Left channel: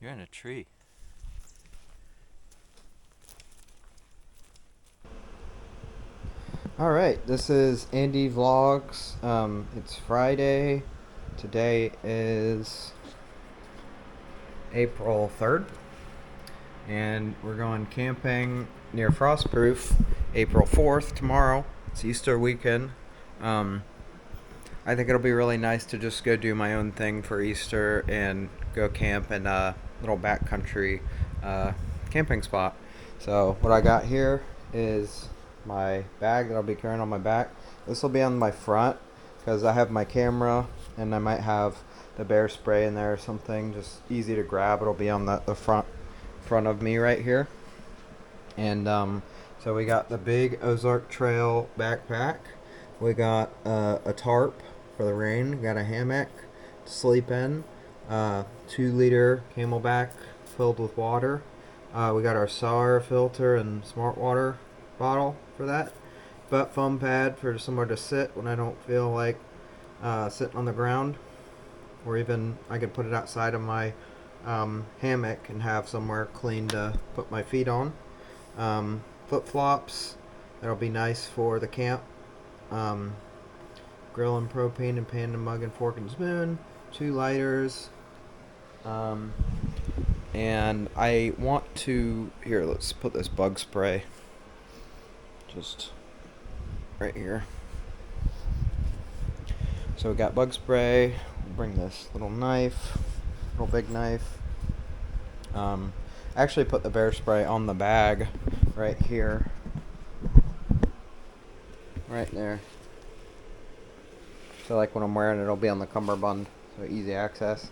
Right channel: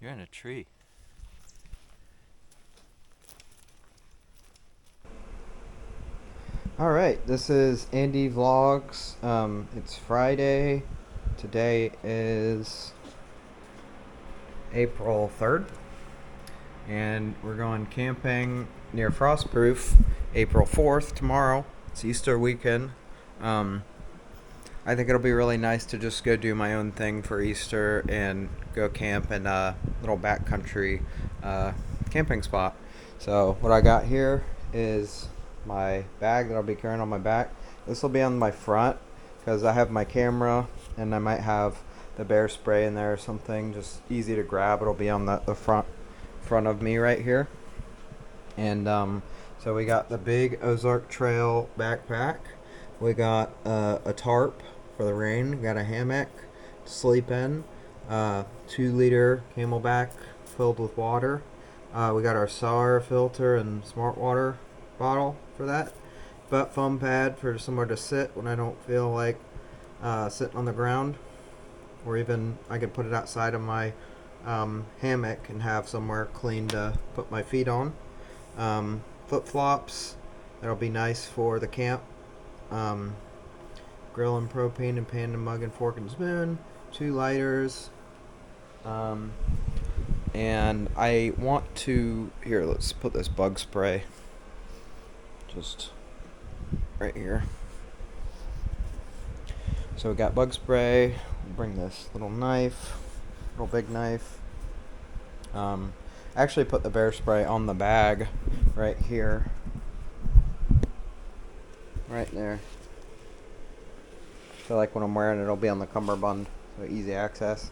You're in a tree. All right, this is Andy Vlogs. It's Friday. Today is April 3rd, and we're going camping near Frostproof April 4th tomorrow. It's Easter weekend. I think it'll be really nice to just go do my own thing for Easter and go camp in a little backcountry camping spot. So what I got here is my bag that I'll be carrying on my back. This will be on my front because I have my camera and I might have the bear spray in there or something, just easy to grab. It'll be on the front of me right here. And so we got the big Ozark Trail backpack. We got a tarp for the rain. We got a hammock to sleep in. 2-liter Camelback filled with water. We got our sour filter and smart water bottle for that. Butt foam pad for somewhere to sit when I don't feel like sitting on the ground. Or even I could put it outside of my hammock and have somewhere clean to put my feet on. Flip-flops. That'll be nice for the camp. Grill and propane and pan and mug and fork and spoon. 2 lighters. And I want to... Here, let's put this bug spray just right here. So we got bug spray. We'll bring this little knife, little big knife. Actually put the bear spray on the bag right here. Right there. So like when I'm wearing it, it'll be on the cummerbund, so easy access.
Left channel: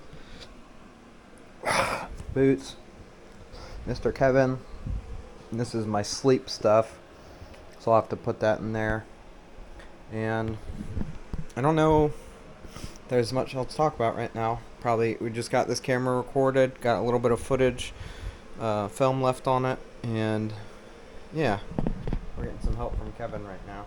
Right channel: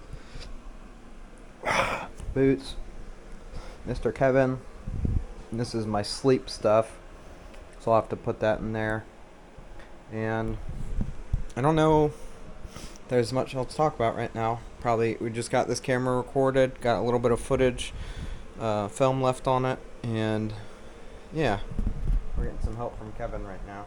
Boots. Mr. Kevin. And this is my sleep stuff, so I'll have to put that in there. And I don't know if there's much else to talk about right now. Probably we just got this camera recorded, got a little bit of footage, film left on it, and yeah, we're getting some help from Kevin right now.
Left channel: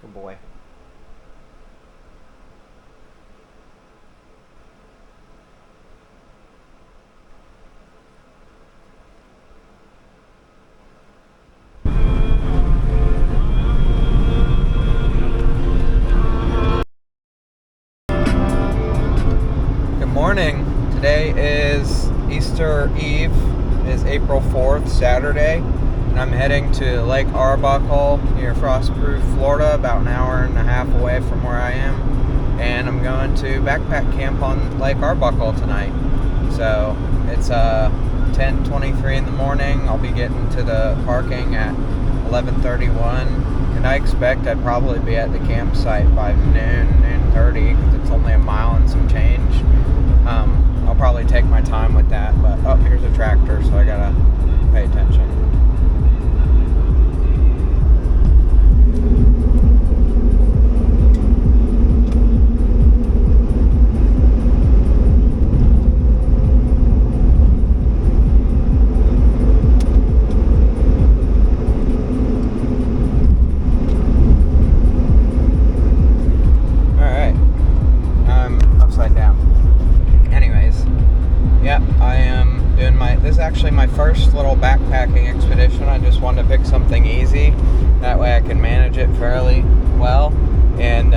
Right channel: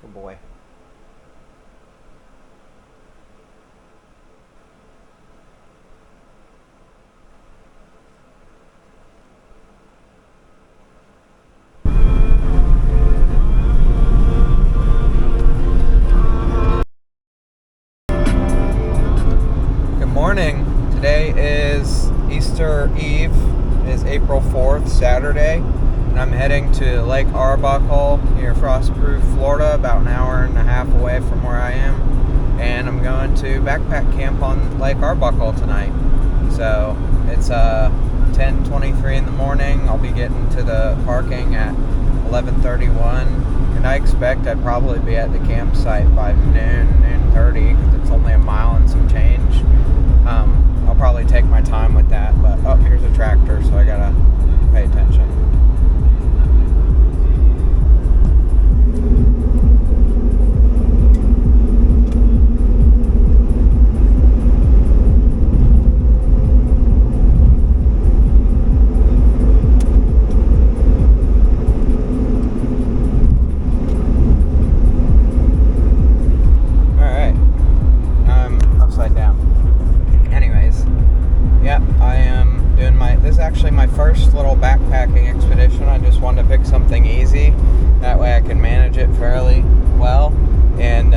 Good boy. Good morning. Today is Easter Eve. It is April 4th, Saturday. And I'm heading to Lake Arbuckle near Frostproof, Florida, about an hour and a half away from where I am. And I'm going to backpack camp on Lake Arbuckle tonight. So it's 10:23 in the morning. I'll be getting to the parking at 11:31. And I expect I'd probably be at the campsite by noon 30, because it's only a mile and some change. I'll probably take my time with that. But, oh, here's a tractor, so I gotta pay attention. This is actually my first little backpacking expedition. I just wanted to pick something easy. That way I can manage it fairly well. And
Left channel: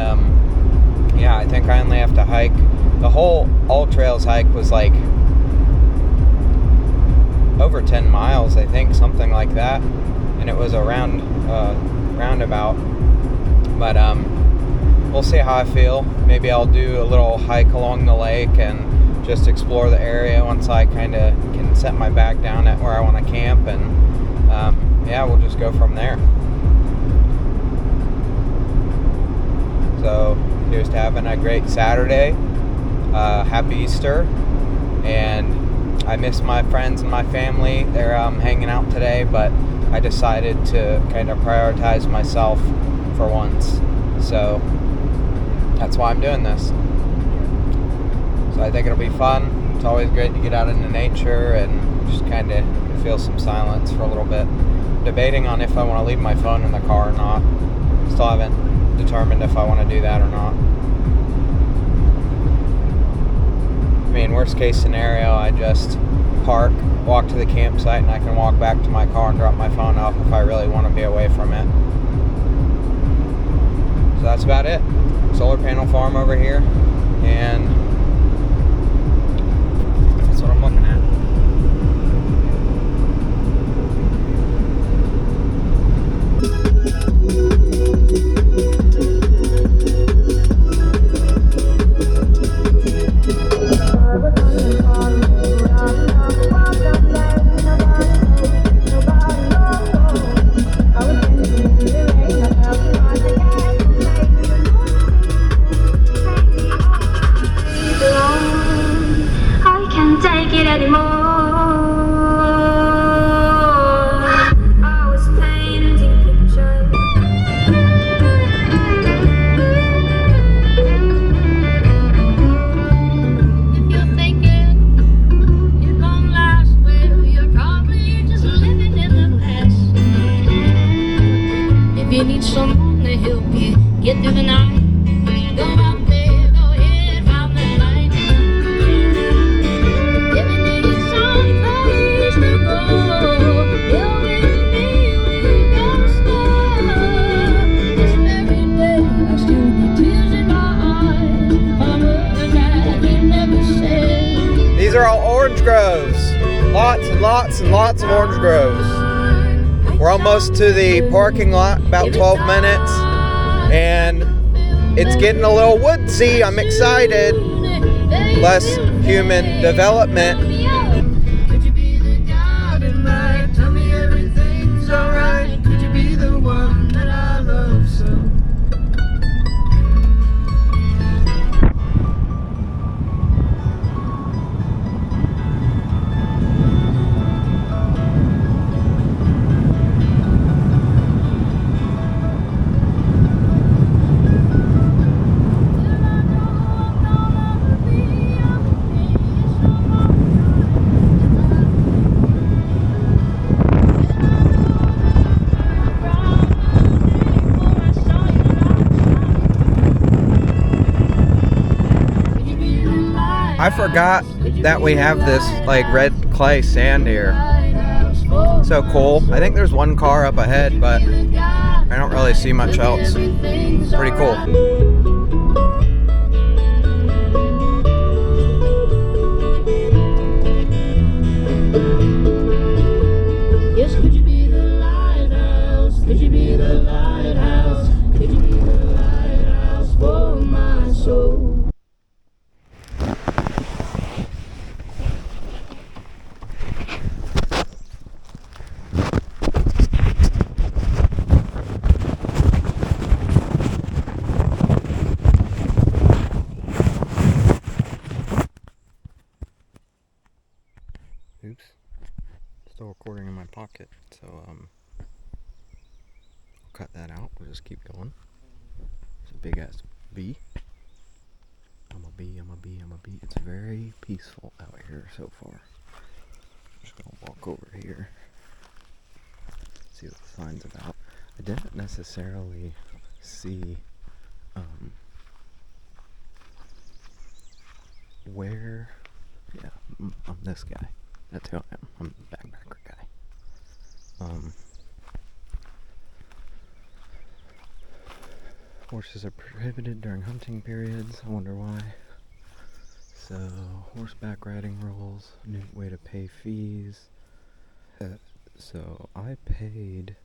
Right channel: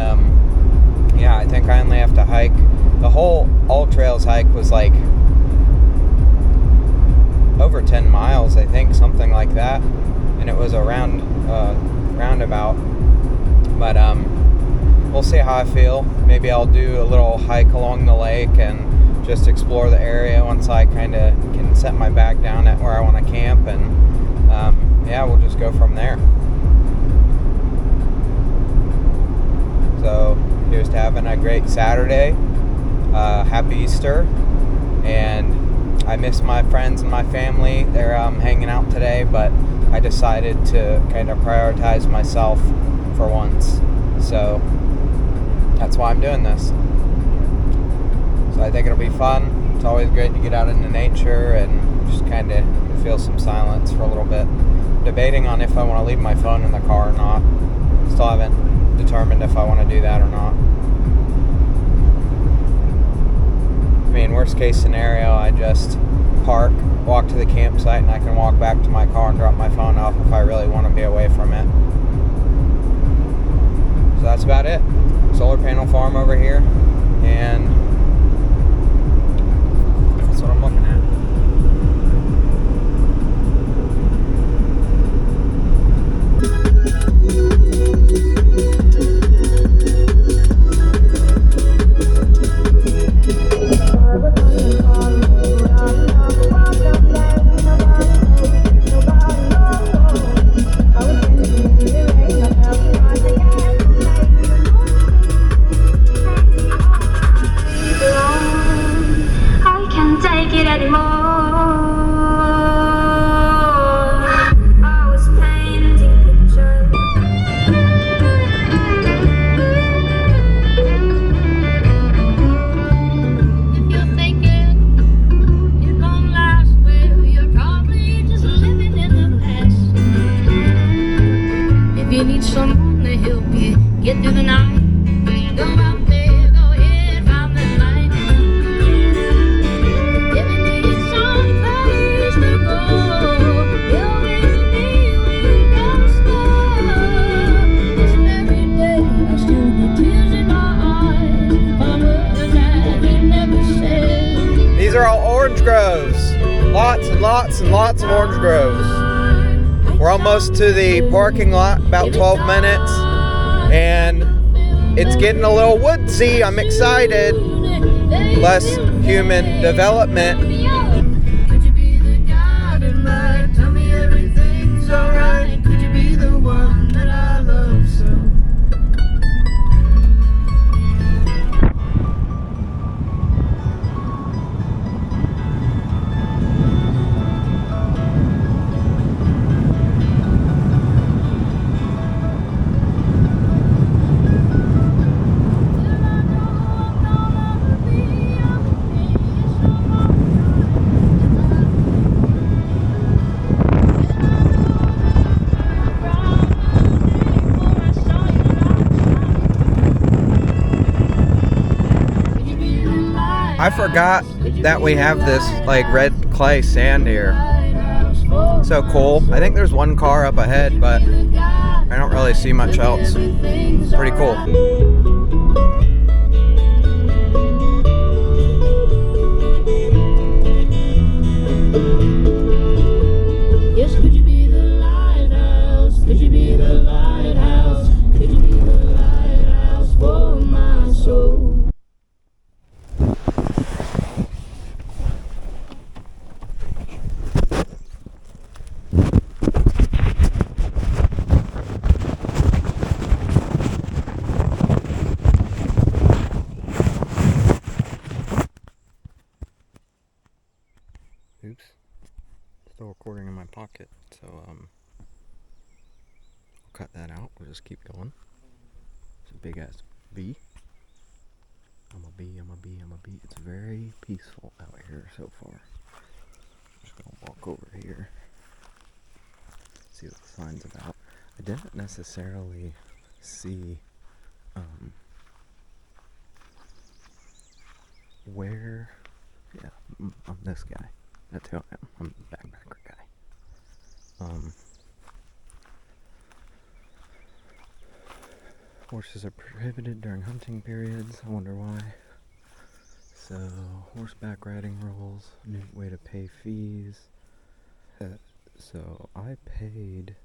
yeah, I think I only have to hike. The whole All Trails hike was like over 10 miles, I think, something like that. And it was a roundabout. But we'll see how I feel. Maybe I'll do a little hike along the lake and just explore the area once I kind of can set my bag down at where I want to camp, and yeah, we'll just go from there. So here's to having a great Saturday. Happy Easter, and I miss my friends and my family. They're hanging out today, but I decided to kind of prioritize myself for once. So that's why I'm doing this. So I think it'll be fun. It's always great to get out into nature and just kind of feel some silence for a little bit. Debating on if I want to leave my phone in the car or not. Still haven't determined if I want to do that or not. I mean, worst case scenario, I just park, walk to the campsite, and I can walk back to my car and drop my phone off if I really want to be away from it. So that's about it. Solar panel farm over here, and that's what I'm looking at. These are all orange groves. Lots and lots and lots of orange groves. We're almost to the parking lot, about 12 minutes, and it's getting a little woodsy. I'm excited. Less human development. Could you be the God in mind? Tell me everything's alright. Could you be the one that I love so? I forgot that we have this like red clay sand here. So cool. I think there's one car up ahead, but I don't really see much else. Pretty cool. Yes, could you be the lighthouse? Could you be the lighthouse? Could you be the lighthouse for my soul? Oops. Still recording in my pocket, so I'll cut that out. We'll just keep going. It's a big ass bee. I'm a bee, I'm a bee, I'm a bee. It's very peaceful out here so far. I'm just gonna walk over here. See what the sign's about. I didn't necessarily see where. Yeah, I'm this guy. That's who I am. I'm the backpacker guy. Horses are prohibited during hunting periods. I wonder why. So, horseback riding rules. New way to pay fees. So, I paid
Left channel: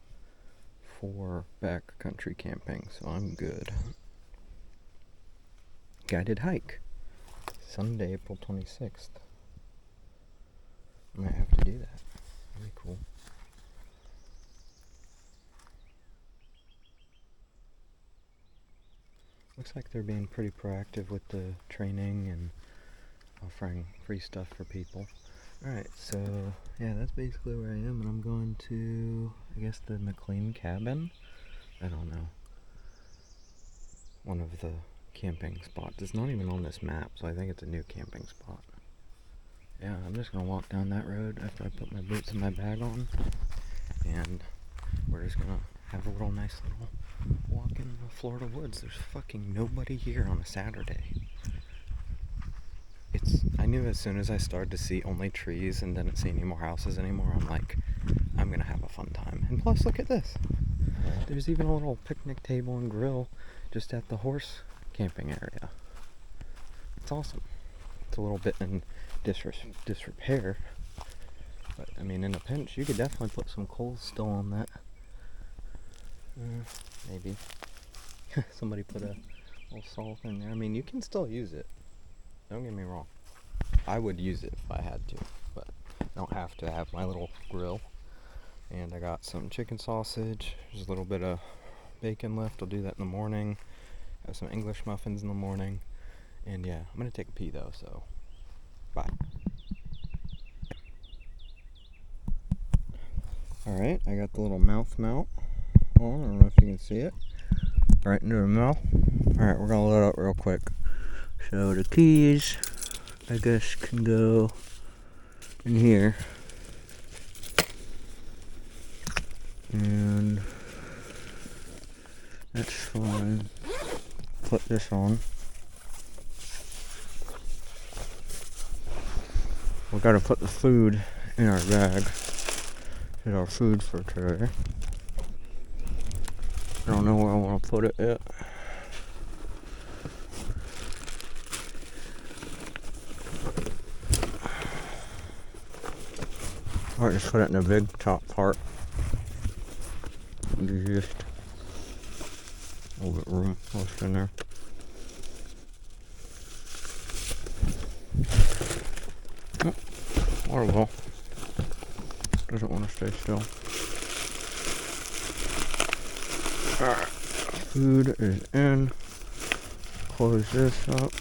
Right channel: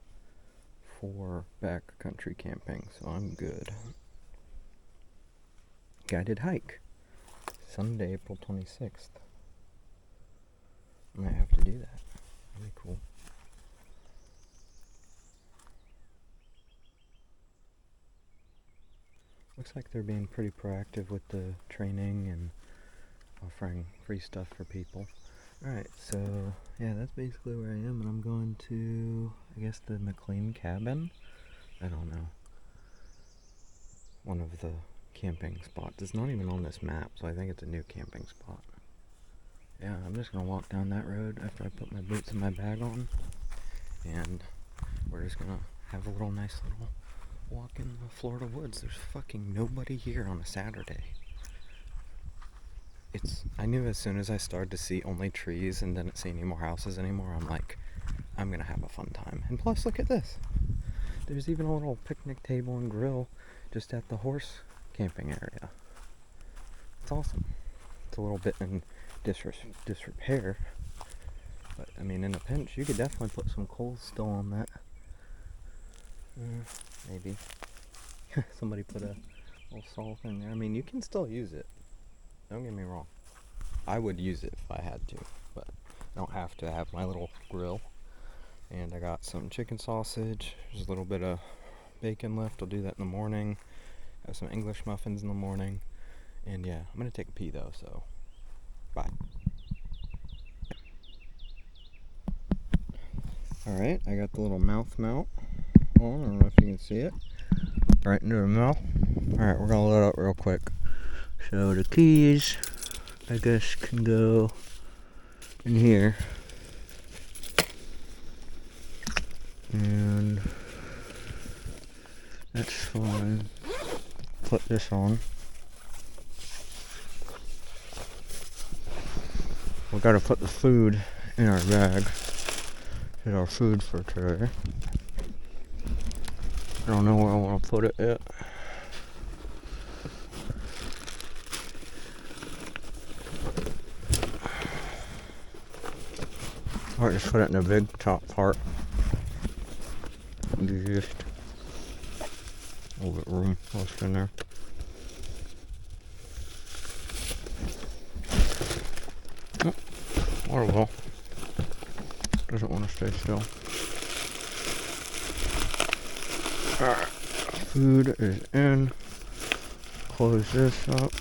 for backcountry camping, so I'm good. Guided hike. Sunday, April 26th. I might have to do that. That'd be cool. Looks like they're being pretty proactive with the training and offering free stuff for people. Alright, so yeah, that's basically where I am, and I'm going to, I guess, the McLean cabin. I don't know. One of the camping spots. It's not even on this map, so I think it's a new camping spot. Yeah, I'm just gonna walk down that road after I put my boots and my bag on, and we're just gonna have a nice little walk in the Florida woods. There's fucking nobody here on a Saturday. I knew as soon as I started to see only trees and didn't see any more houses anymore, I'm like, I'm gonna have a fun time. And plus, look at this. There's even a little picnic table and grill just at the horse camping area. It's awesome. It's a little bit in disrepair, but I mean, in a pinch, you could definitely put some coals still on that. Maybe. Somebody put a little salt in there. I mean, you can still use it. Don't get me wrong. I would use it if I had to, but I don't have to. Have my little grill. And I got some chicken sausage. There's a little bit of bacon left. I'll do that in the morning. Have some English muffins in the morning. And yeah, I'm going to take a pee though, so bye. Alright, I got the little mouth mount on. I don't know if you can see it. Right into the mouth. Alright, we're going to load up real quick. So the keys, I guess, can go in here. And that's fine. Put this on. We gotta put the food in our bag. Get our food for today. I don't know where I want to put it yet. Or just put it in the big top part. Just a little bit of room left in there. Oh, water well. Doesn't want to stay still. Alright, food is in. Close this up.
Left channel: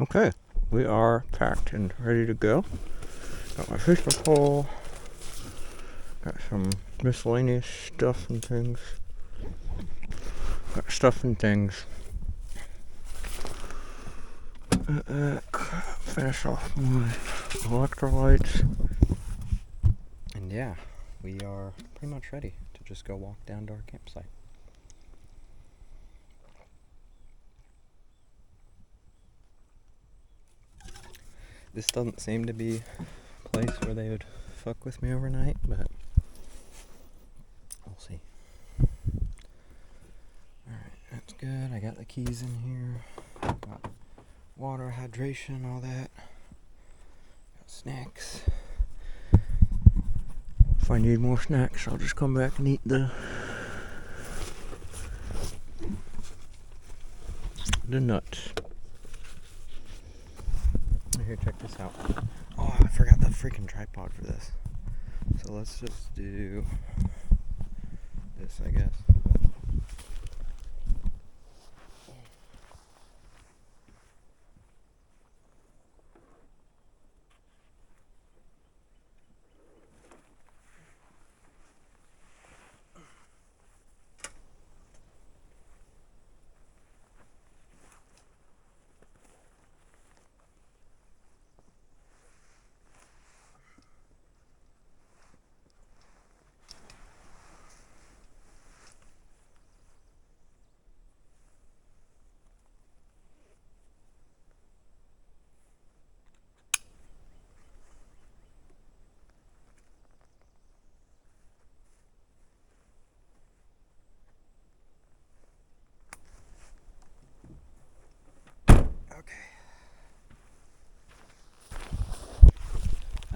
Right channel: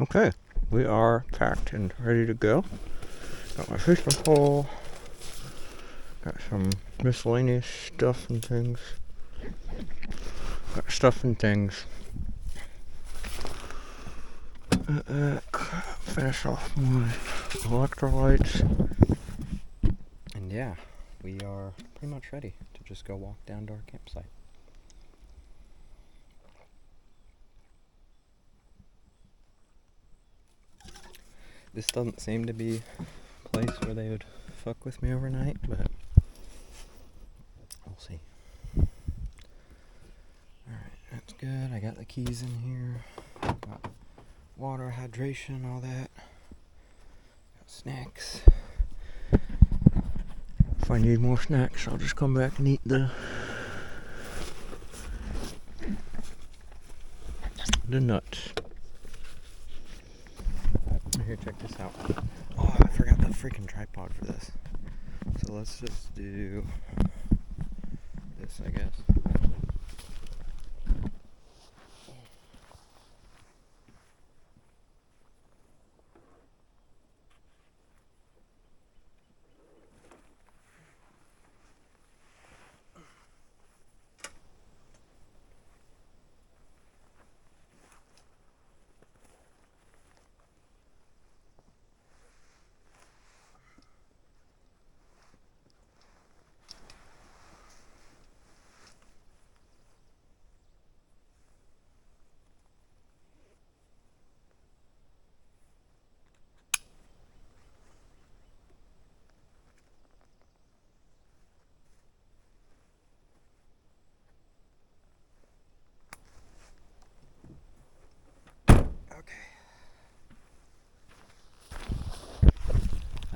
Okay, we are packed and ready to go. Got my fishing pole. Got some miscellaneous stuff and things. Got stuff and things. Finish off my electrolytes. And yeah, we are pretty much ready to just go walk down to our campsite. This doesn't seem to be a place where they would fuck with me overnight, but we'll see. Alright, that's good. I got the keys in here. Got water, hydration, all that. Got snacks. If I need more snacks, I'll just come back and eat the nuts. Here, check this out. Oh, I forgot the freaking tripod for this. So let's just do this, I guess.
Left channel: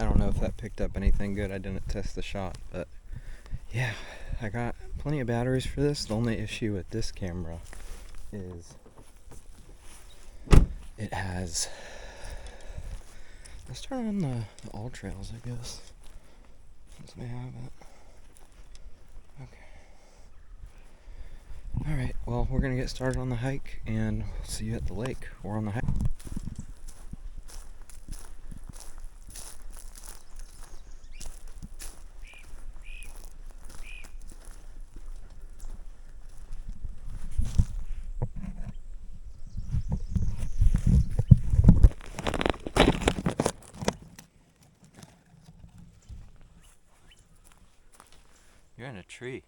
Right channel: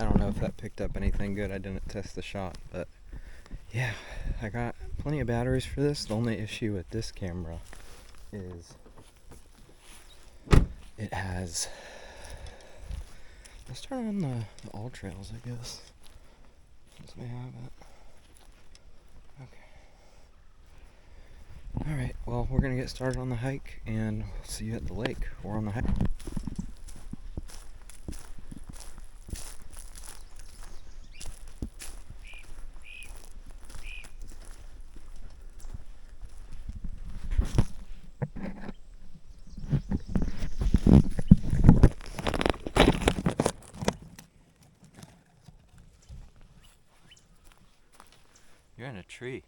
I don't know if that picked up anything good. I didn't test the shot, but yeah, I got plenty of batteries for this. The only issue with this camera is it has... Let's turn on the all trails, I guess, since we have it. Okay. Alright, well, we're going to get started on the hike, and we'll see you at the lake or on the hike. You're in a tree.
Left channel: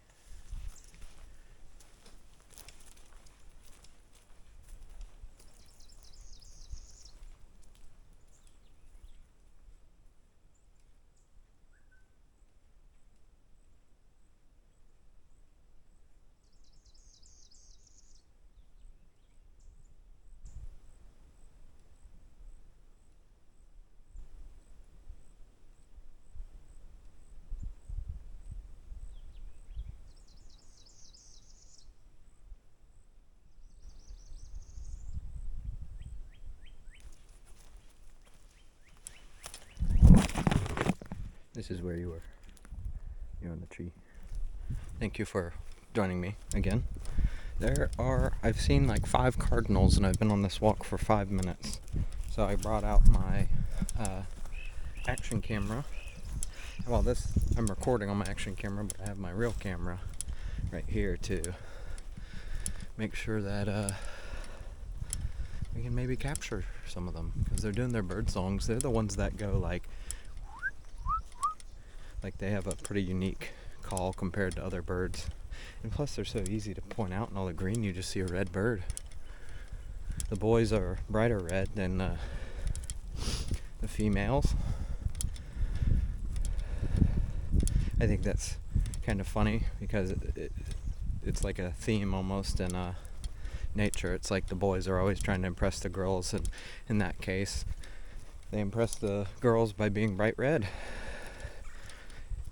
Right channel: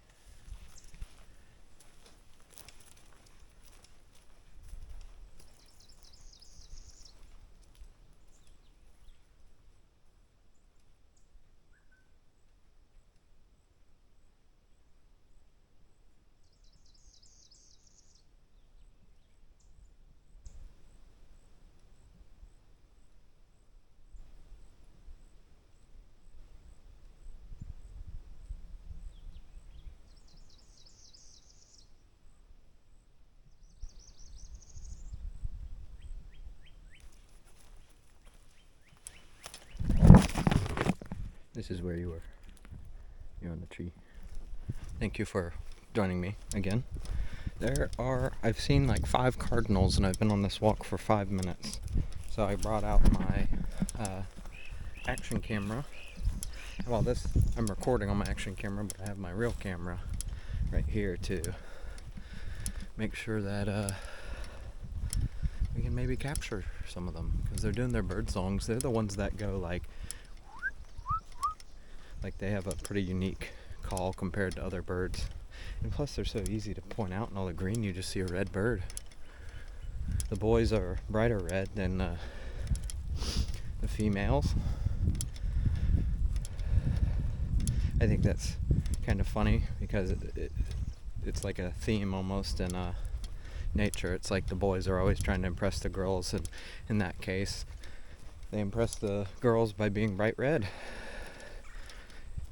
This is where you were. You're on the tree. Thank you for joining me again. I've seen like 5 cardinals, and I've been on this walk for 5 minutes. So I brought out my action camera. Well, I'm recording on my action camera, but I have my real camera right here to make sure that we can maybe capture some of them, because they're doing their bird songs. They're the ones that go like they have a pretty unique call compared to other birds. And plus they're so easy to point out in all the green, you just see a red bird. The boys are brighter red than the females. I think that's kind of funny, because it's like a theme almost in nature. It's like the boys are always trying to impress the girls, and in that case they impress the girls by being bright red.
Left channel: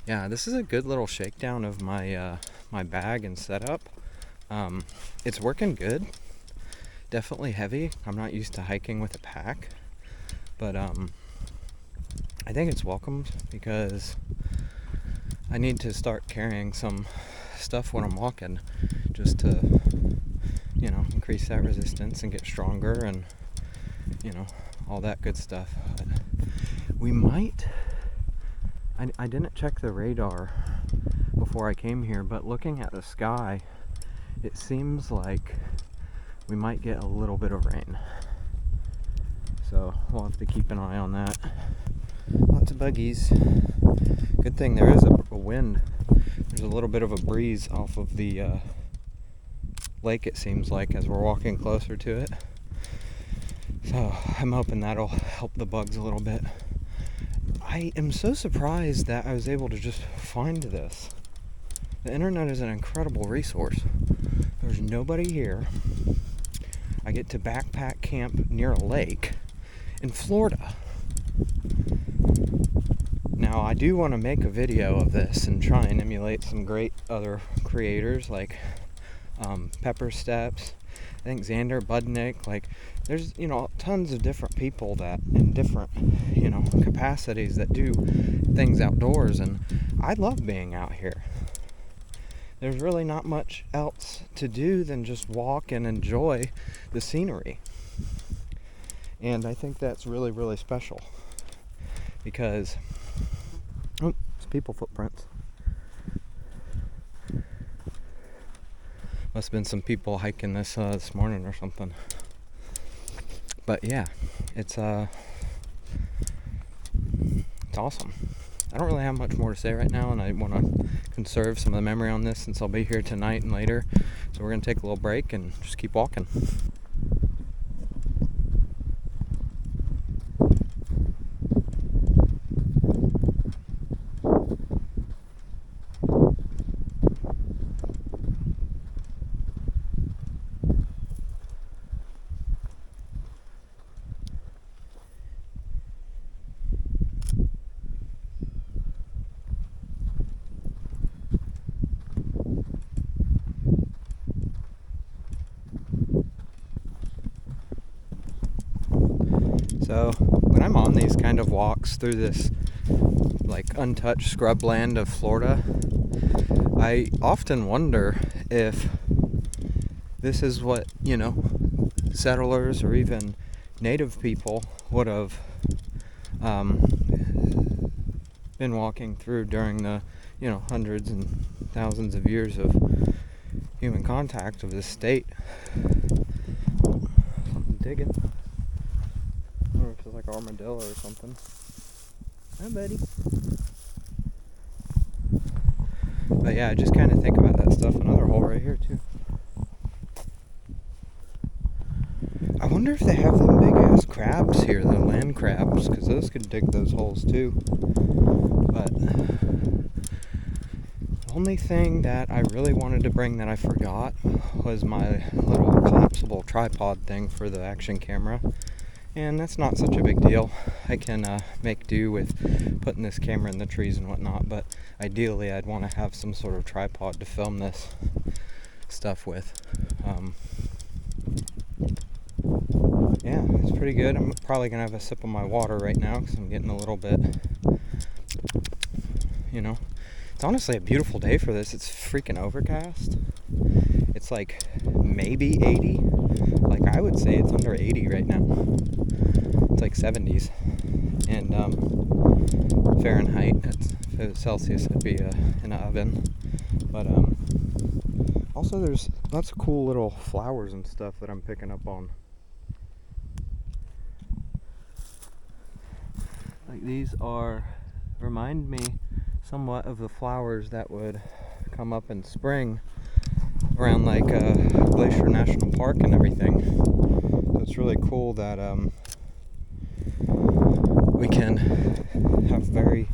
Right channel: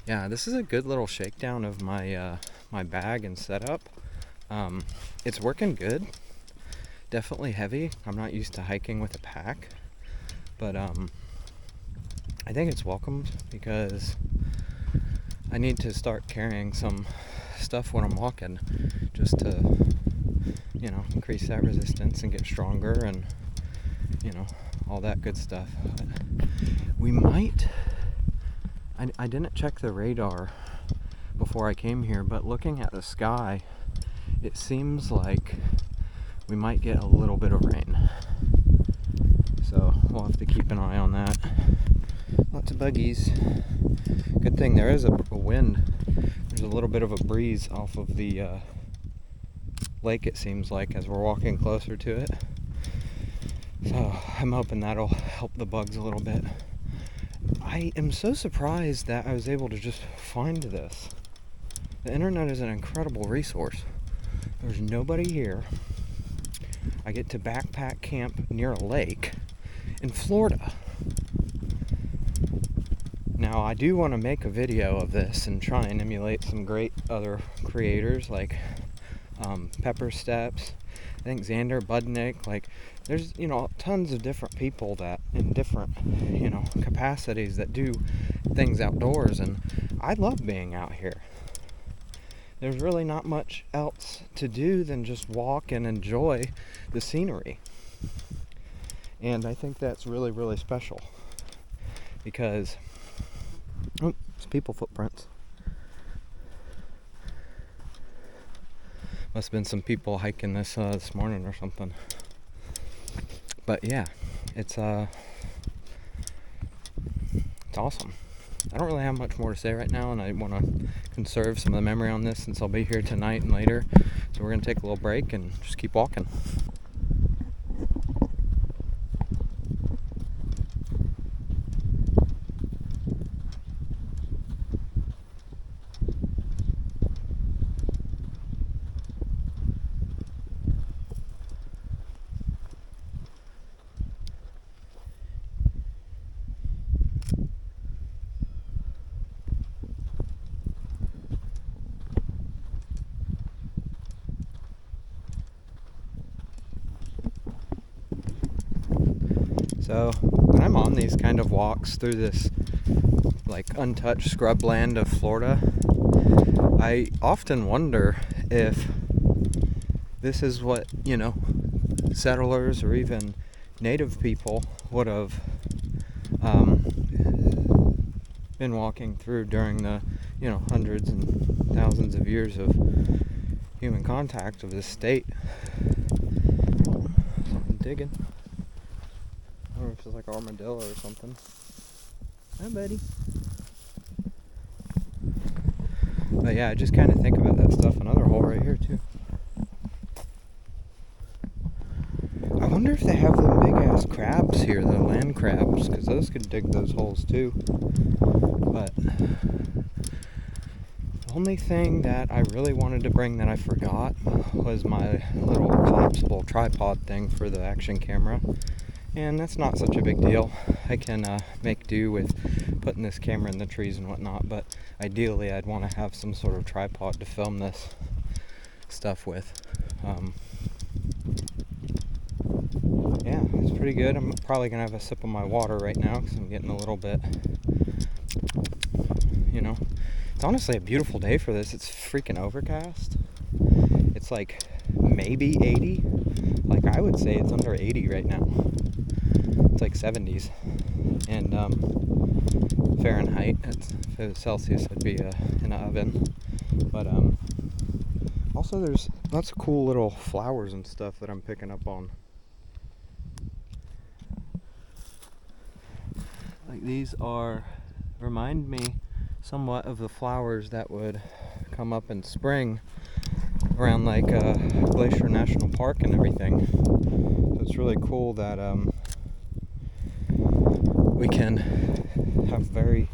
Yeah, this is a good little shakedown of my my bag and setup. It's working good. Definitely heavy. I'm not used to hiking with a pack, but I think it's welcomed, because I need to start carrying some stuff when I'm walking, just to, increase that resistance and get stronger, and all that good stuff. But we might. I didn't check the radar before I came here, but looking at the sky, it seems like we might get a little bit of rain. So we'll have to keep an eye on that. Lots of buggies. Good thing there is a wind. There's a little bit of a breeze off of the lake, it seems like, as we're walking closer to it. So I'm hoping that'll help the bugs a little bit. I am so surprised that I was able to just find this. The internet is an incredible resource. There's nobody here. I get to backpack camp near a lake in Florida. Now, I do want to make a video of this and try and emulate some great other creators, like Pepper Steps, I think Xander Budnick. Like, there's tons of different people that in different capacities that do things outdoors, and I love being out here. There's really not much else to do than just walk and enjoy the scenery, and I think that's really, really special, because it's people footprints. Must have been some people hiking this morning or something. But yeah, it's awesome. I don't really have much more to say right now, and I want to conserve some of the memory on this, since I'll be here tonight and later. So we're going to take a little break and just keep walking. So when I'm on these kind of walks through this like untouched scrubland of Florida, I often wonder if this is what, settlers or even native people would have been walking through during the, hundreds and thousands of years of human contact of this state. I'm digging. I don't know if it's like an armadillo or something. Hi, buddy. But yeah, I just kind of think about that stuff. Another hole right here too. I wonder if they have them big ass crabs here, the land crabs, because those could dig those holes too. But the only thing that I really wanted to bring that I forgot was my little collapsible tripod thing for the action camera. And that's not such a big deal. I can make do with putting this camera in the trees and whatnot, but ideally I'd want to have some sort of tripod to film this stuff with. Yeah, it's pretty good. I'm probably going to have a sip of my water right now because I'm getting a little bit, It's honestly a beautiful day for this. It's freaking overcast. It's like maybe 80. Like I would say it's under 80 right now. It's like 70s. And Fahrenheit. If it was Celsius, it'd be in an oven. But also there's lots of cool little flowers and stuff that I'm picking up on. Like these remind me somewhat of the flowers that would come up in spring around like Glacier National Park and everything. So it's really cool that we can have very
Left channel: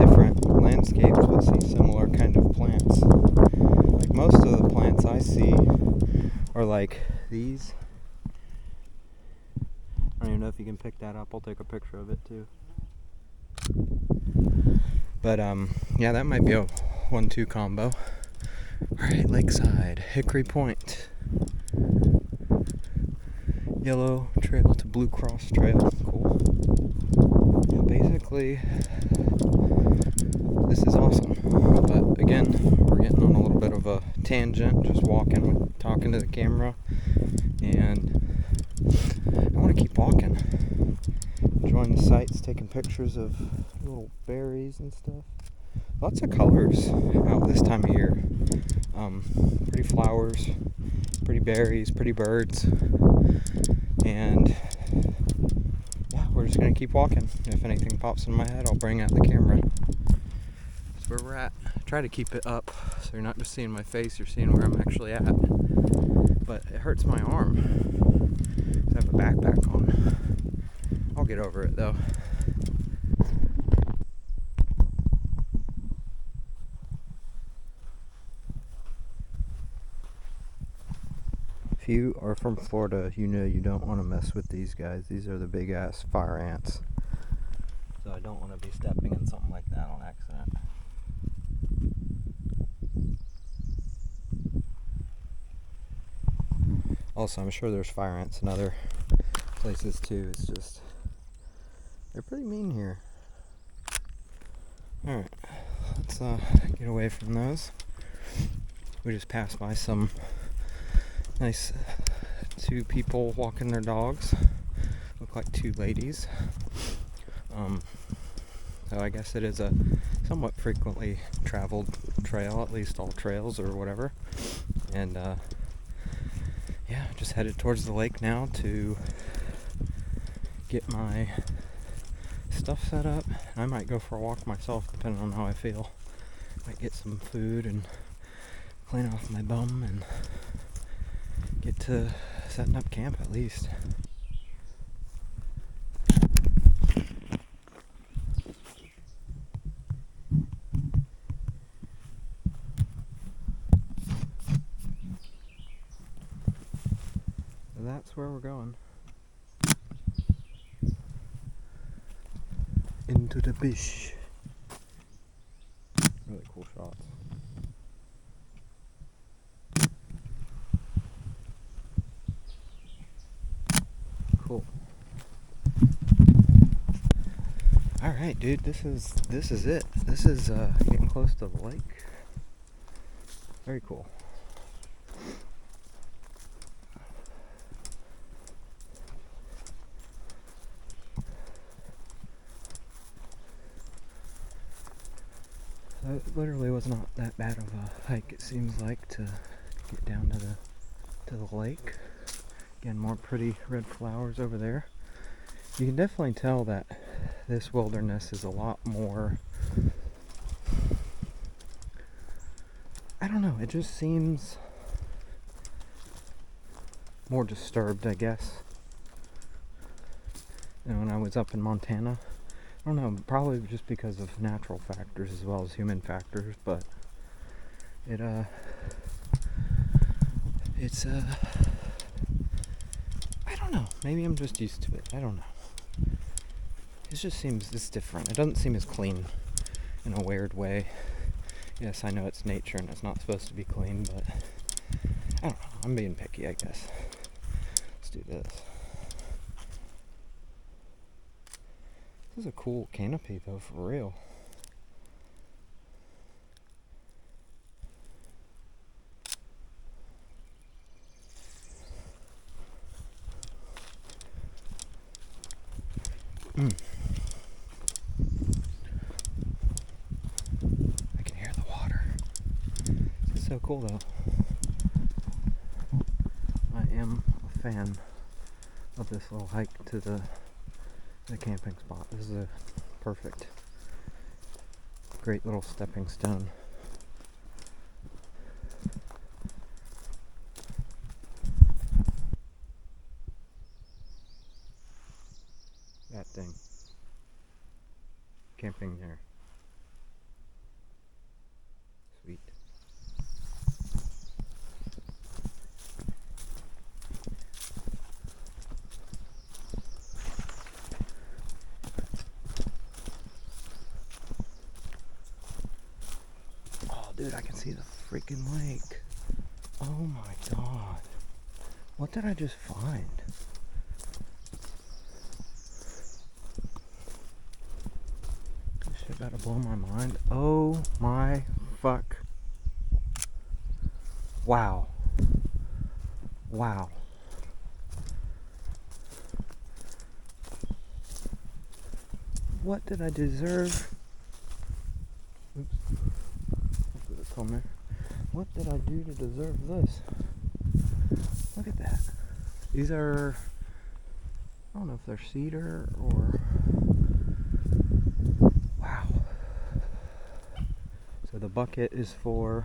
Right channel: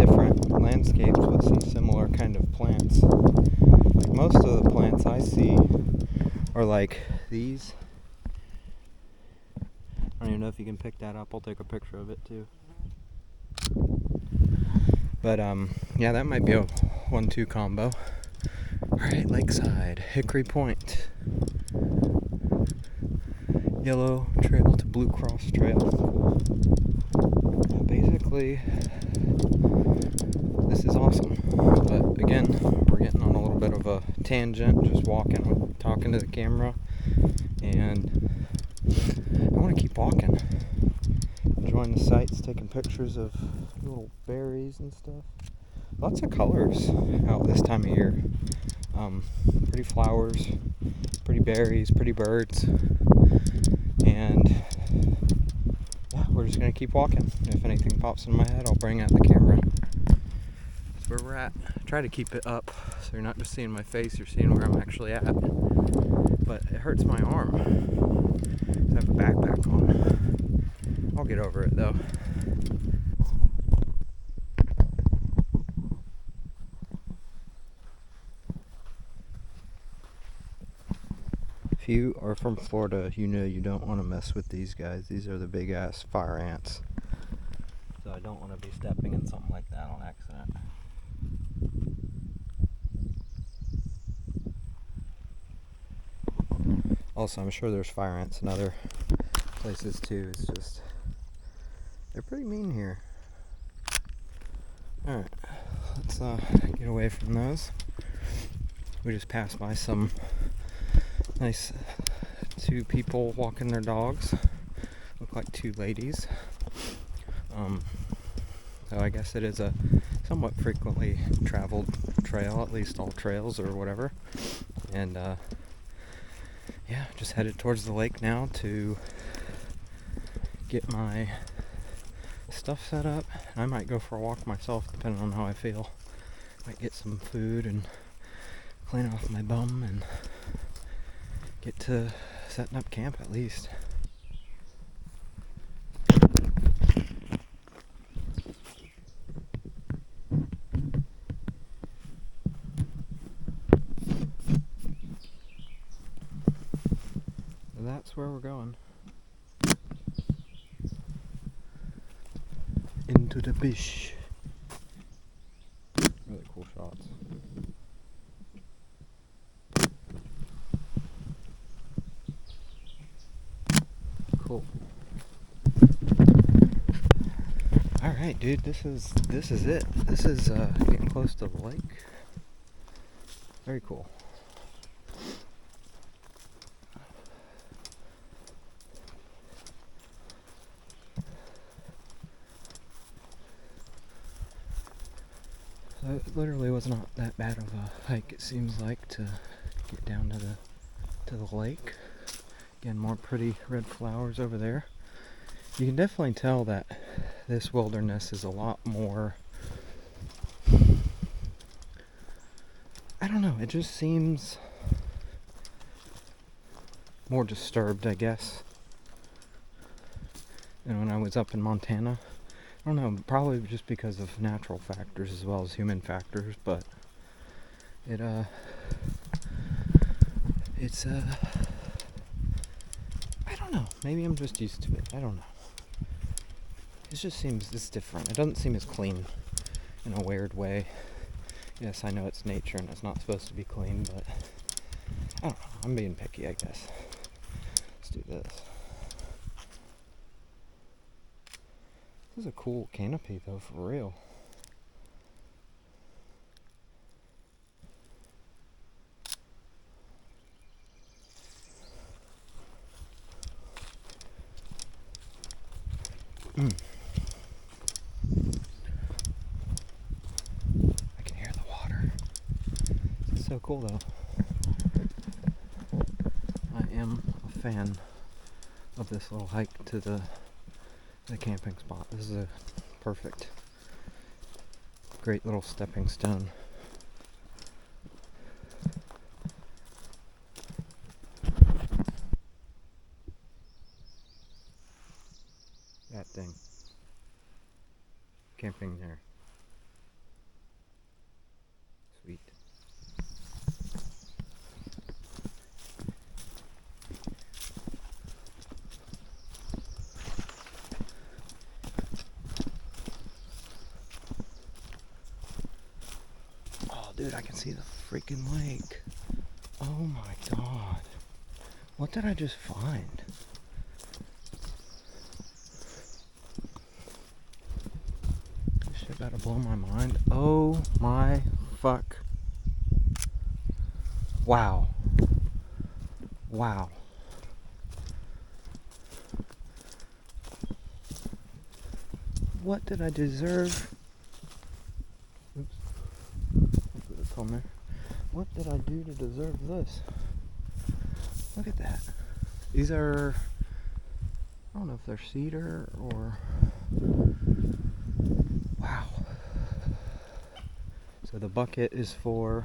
different landscapes but see similar kind of plants. Like most of the plants I see are like these. I don't even know if you can pick that up. I'll take a picture of it too. But yeah, that might be a 1-2 combo. Alright, Lakeside, Hickory Point. Yellow Trail to Blue Cross Trail. Cool. Yeah, basically, this is awesome. But again, we're getting on a little bit of a tangent, just talking to the camera. And I want to keep walking. Enjoying the sights, taking pictures of little berries and stuff. Lots of colors out this time of year. Pretty flowers, pretty berries, pretty birds. And yeah, we're just going to keep walking. If anything pops in my head, I'll bring out the camera. That's where we're at. Try to keep it up so you're not just seeing my face, you're seeing where I'm actually at. But it hurts my arm. I have a backpack on. I'll get over it though. If you are from Florida, you know you don't want to mess with these guys. These are the big ass fire ants. So I don't want to be stepping in something like that on accident. Also, I'm sure there's fire ants in other places too. It's just, they're pretty mean here. Alright, let's get away from those. We just passed by some nice two people walking their dogs. Look like two ladies. So I guess it is a somewhat frequently traveled trail, at least all trails or whatever. And yeah, just headed towards the lake now to get my stuff set up. I might go for a walk myself depending on how I feel. Might get some food and clean off my bum and get to setting up camp at least. So that's where we're going. Into the bush. Really cool shots. Cool. All right, dude. This is it. This is getting close to the lake. Very cool. So it literally was not that bad of a hike. It seems like to get down to the lake. Again, more pretty red flowers over there. You can definitely tell that this wilderness is a lot more, I don't know, it just seems more disturbed, I guess, than when I was up in Montana. I don't know, probably just because of natural factors as well as human factors, but it's I don't know, maybe I'm just used to it, I don't know. It just seems, it's different. It doesn't seem as clean in a weird way. Yes, I know it's nature and it's not supposed to be clean, but I don't know. I'm being picky, I guess. Let's do this. This is a cool canopy, though, for real. I can hear the water. This is so cool, though. I am a fan of this little hike to the camping spot. This is a perfect, great little stepping stone. That thing. Camping there. Sweet. Oh, dude, I can see the freaking lake. Oh my god. What did I just find? This shit about to blow my mind. Oh my fuck. Wow. Wow. What did I deserve? Oops. I'll put this on there. What did I do to deserve this? Look at that. These are, I don't know if they're cedar or, wow. So the bucket is for,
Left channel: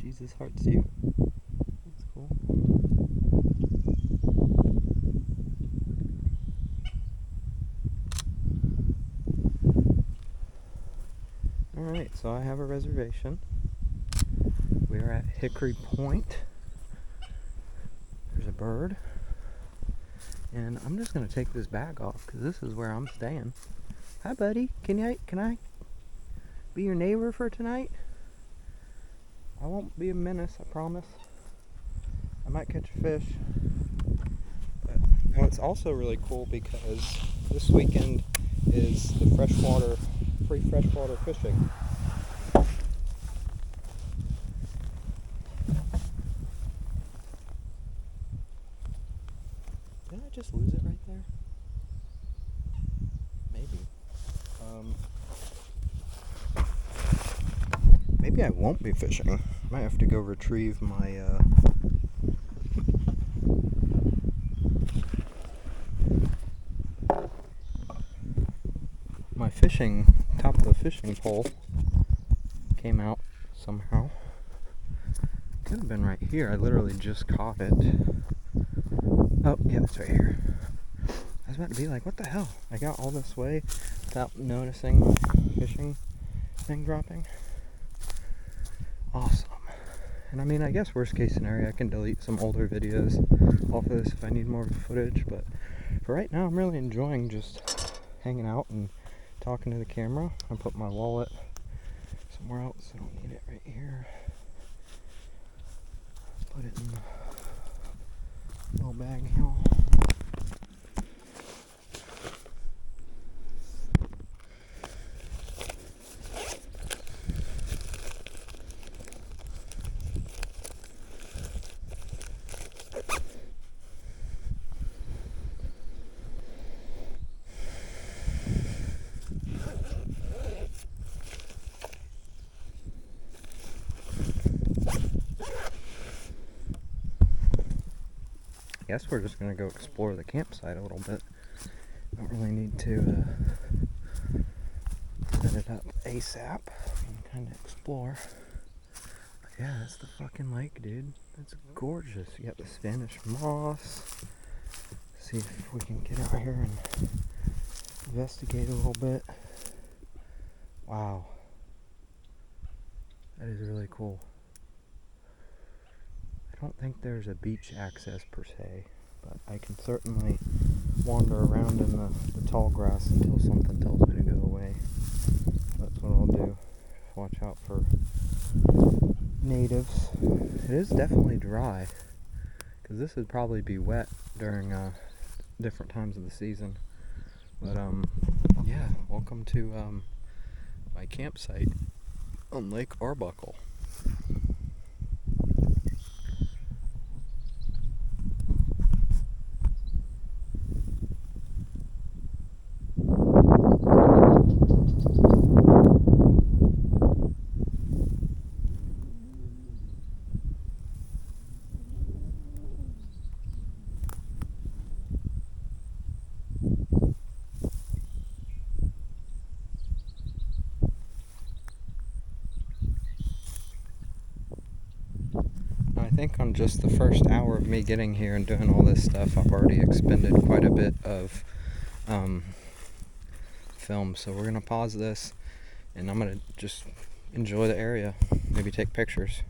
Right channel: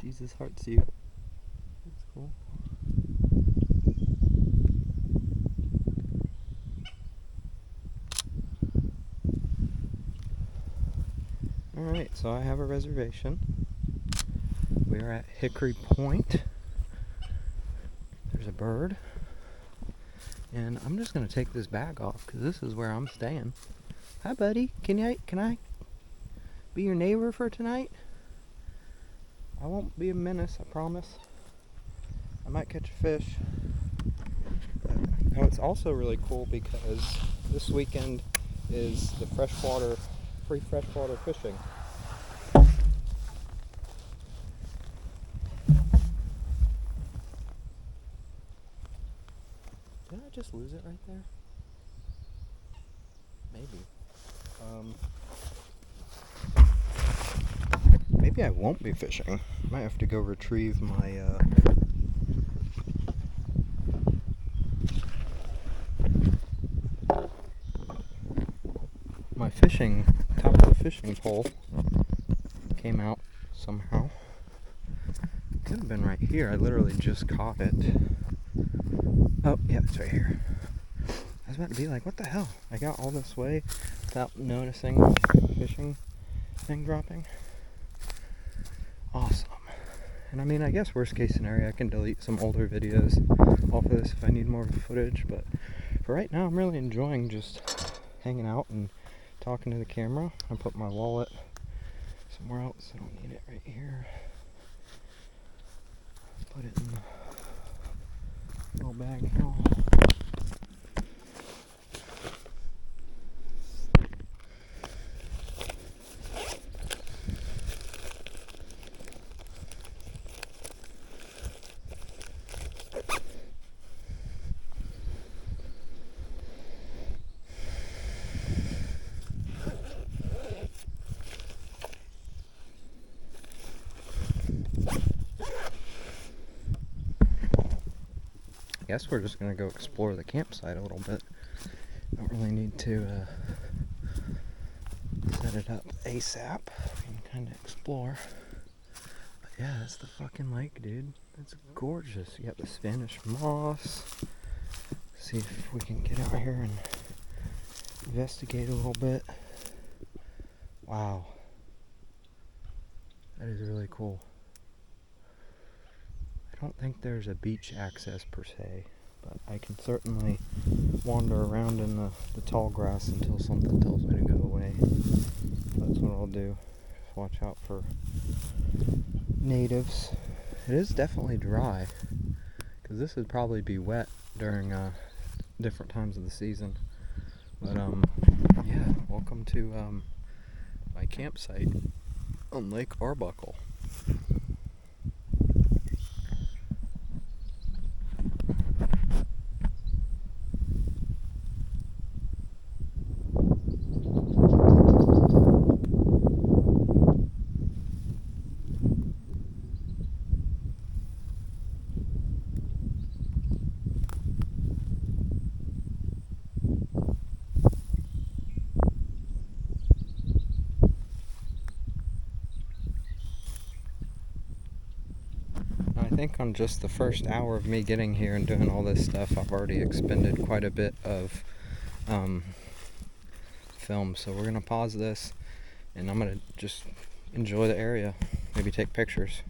Jesus hearts you. That's cool. Alright, so I have a reservation. We are at Hickory Point. There's a bird. And I'm just going to take this bag off because this is where I'm staying. Hi, buddy. Can I be your neighbor for tonight? I won't be a menace, I promise. I might catch a fish. But now it's also really cool because this weekend is the free freshwater fishing. Did I just lose it right there? Maybe. Maybe I won't be fishing. Might have to go retrieve my my fishing, top of the fishing pole came out somehow. Could have been right here. I literally just caught it. Oh, yeah, it's right here. I was about to be like, what the hell? I got all this way without noticing the fishing thing dropping. Awesome. And I mean, I guess worst case scenario, I can delete some older videos off of this if I need more footage, but for right now, I'm really enjoying just hanging out and talking to the camera. I put my wallet somewhere else. I don't need it right here. Put it in the little bag here. I guess we're just gonna go explore the campsite a little bit. Don't really need to set it up ASAP. We can kind of explore. But yeah, that's the fucking lake, dude. It's gorgeous. You got the Spanish moss. See if we can get out here and investigate a little bit. Wow. That is really cool. I don't think there's a beach access per se, but I can certainly wander around in the tall grass until something tells me to go away. That's what I'll do. Watch out for natives. It is definitely dry, because this would probably be wet during different times of the season. But yeah, welcome to my campsite on Lake Arbuckle. I think on just the first hour of me getting here and doing all this stuff, I've already expended quite a bit of film. So we're going to pause this, and I'm going to just enjoy the area, maybe take pictures.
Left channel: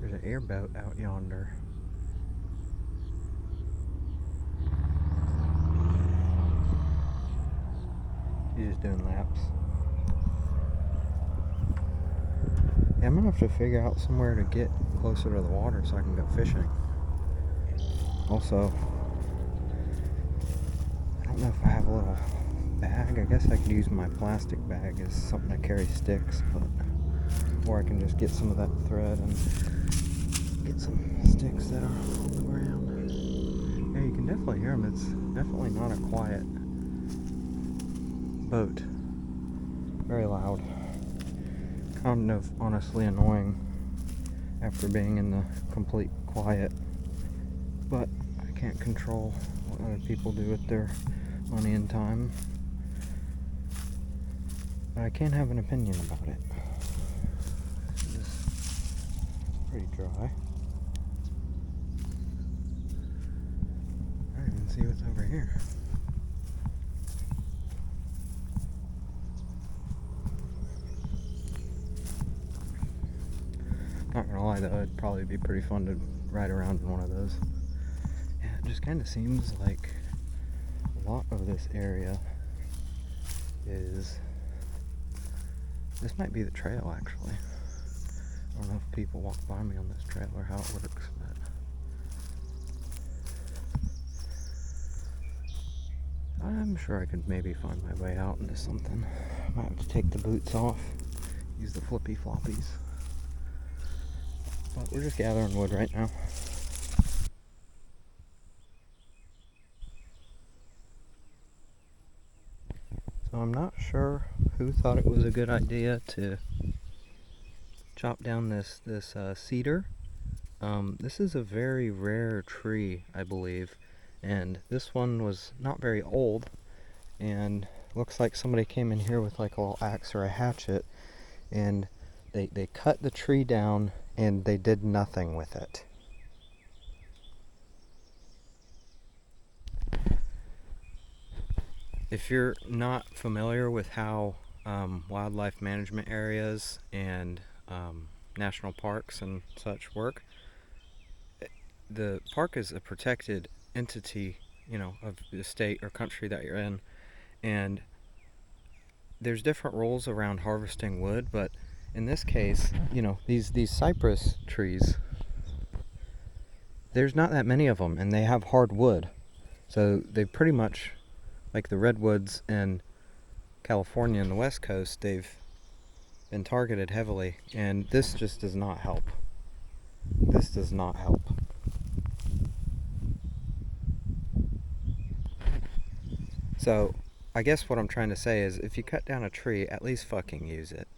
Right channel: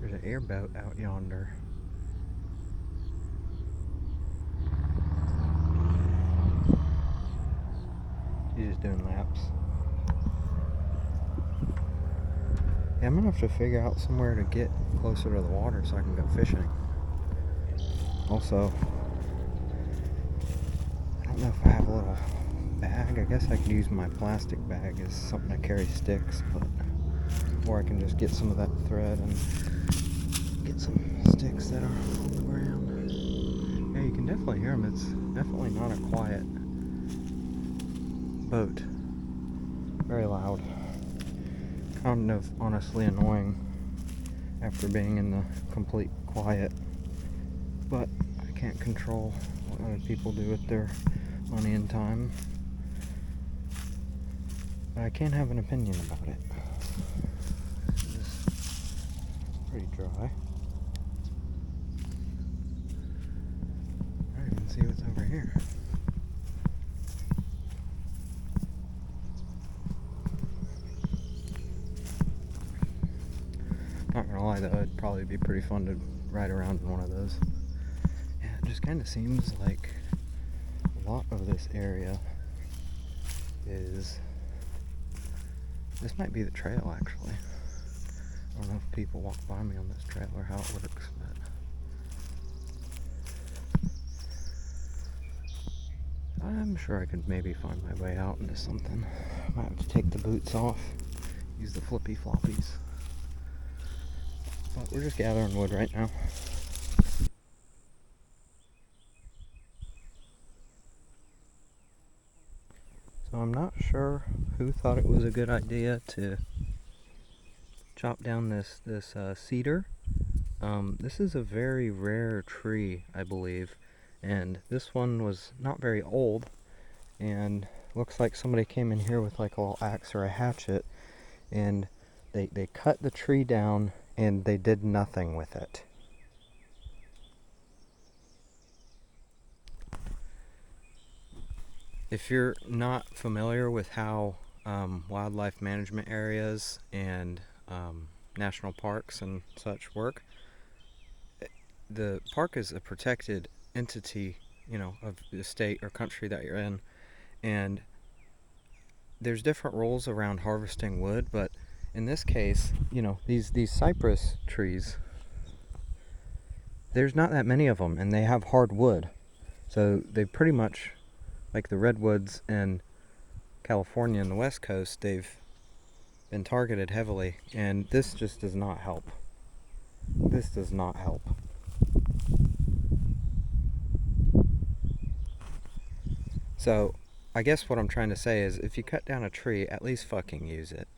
There's an airboat out yonder. He's just doing laps. Yeah, I'm gonna have to figure out somewhere to get closer to the water so I can go fishing. Also, I don't know if I have a little bag. I guess I could use my plastic bag as something to carry sticks, but or I can just get some of that thread and get some sticks that are on the ground. Yeah, you can definitely hear them. It's definitely not a quiet boat. Very loud. Kind of honestly annoying after being in the complete quiet. But I can't control what other people do with their money and time. But I can have an opinion about it. This is pretty dry. I don't even see what's over here. Not gonna lie though, it'd probably be pretty fun to ride around in one of those. Yeah, it just kind of seems like a lot of this area is... This might be the trail, actually. I don't know if people walk by me on this trail or how it works, but... I'm sure I could maybe find my way out into something. I might have to take the boots off, use the flippy floppies. But we're just gathering wood right now. So I'm not sure who thought it was a good idea to chop down this cedar. This is a very rare tree, I believe, and this one was not very old, and looks like somebody came in here with like a little axe or a hatchet, and they cut the tree down and they did nothing with it. If you're not familiar with how wildlife management areas and national parks and such work, the park is a protected entity, you know, of the state or country that you're in, and there's different rules around harvesting wood, but in this case, you know, these cypress trees, there's not that many of them, and they have hard wood. So they pretty much, like the redwoods in California and the West Coast, they've been targeted heavily, and this just does not help. This does not help. So, I guess what I'm trying to say is, if you cut down a tree, at least fucking use it.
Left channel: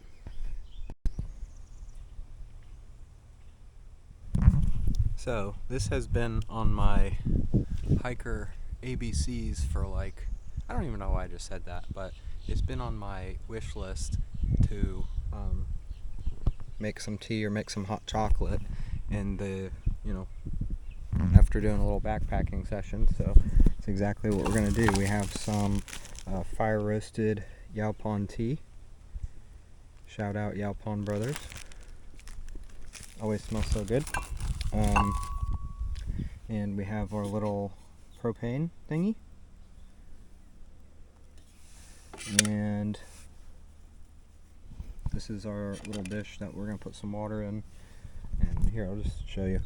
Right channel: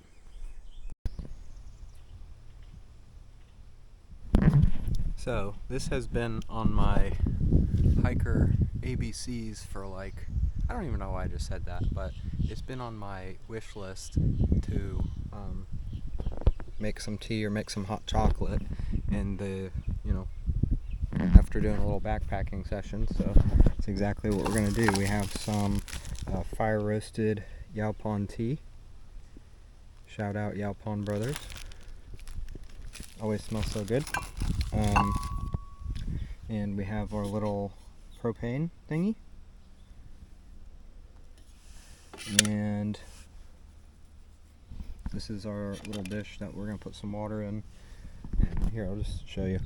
So, this has been on my hiker ABCs for like, I don't even know why I just said that, but it's been on my wish list to make some tea or make some hot chocolate, and after doing a little backpacking session. So it's exactly what we're gonna do. We have some fire roasted Yaupon tea. Shout out Yaupon Brothers. Always smells so good. And we have our little propane thingy. And this is our little dish that we're gonna put some water in. And here, I'll just show you.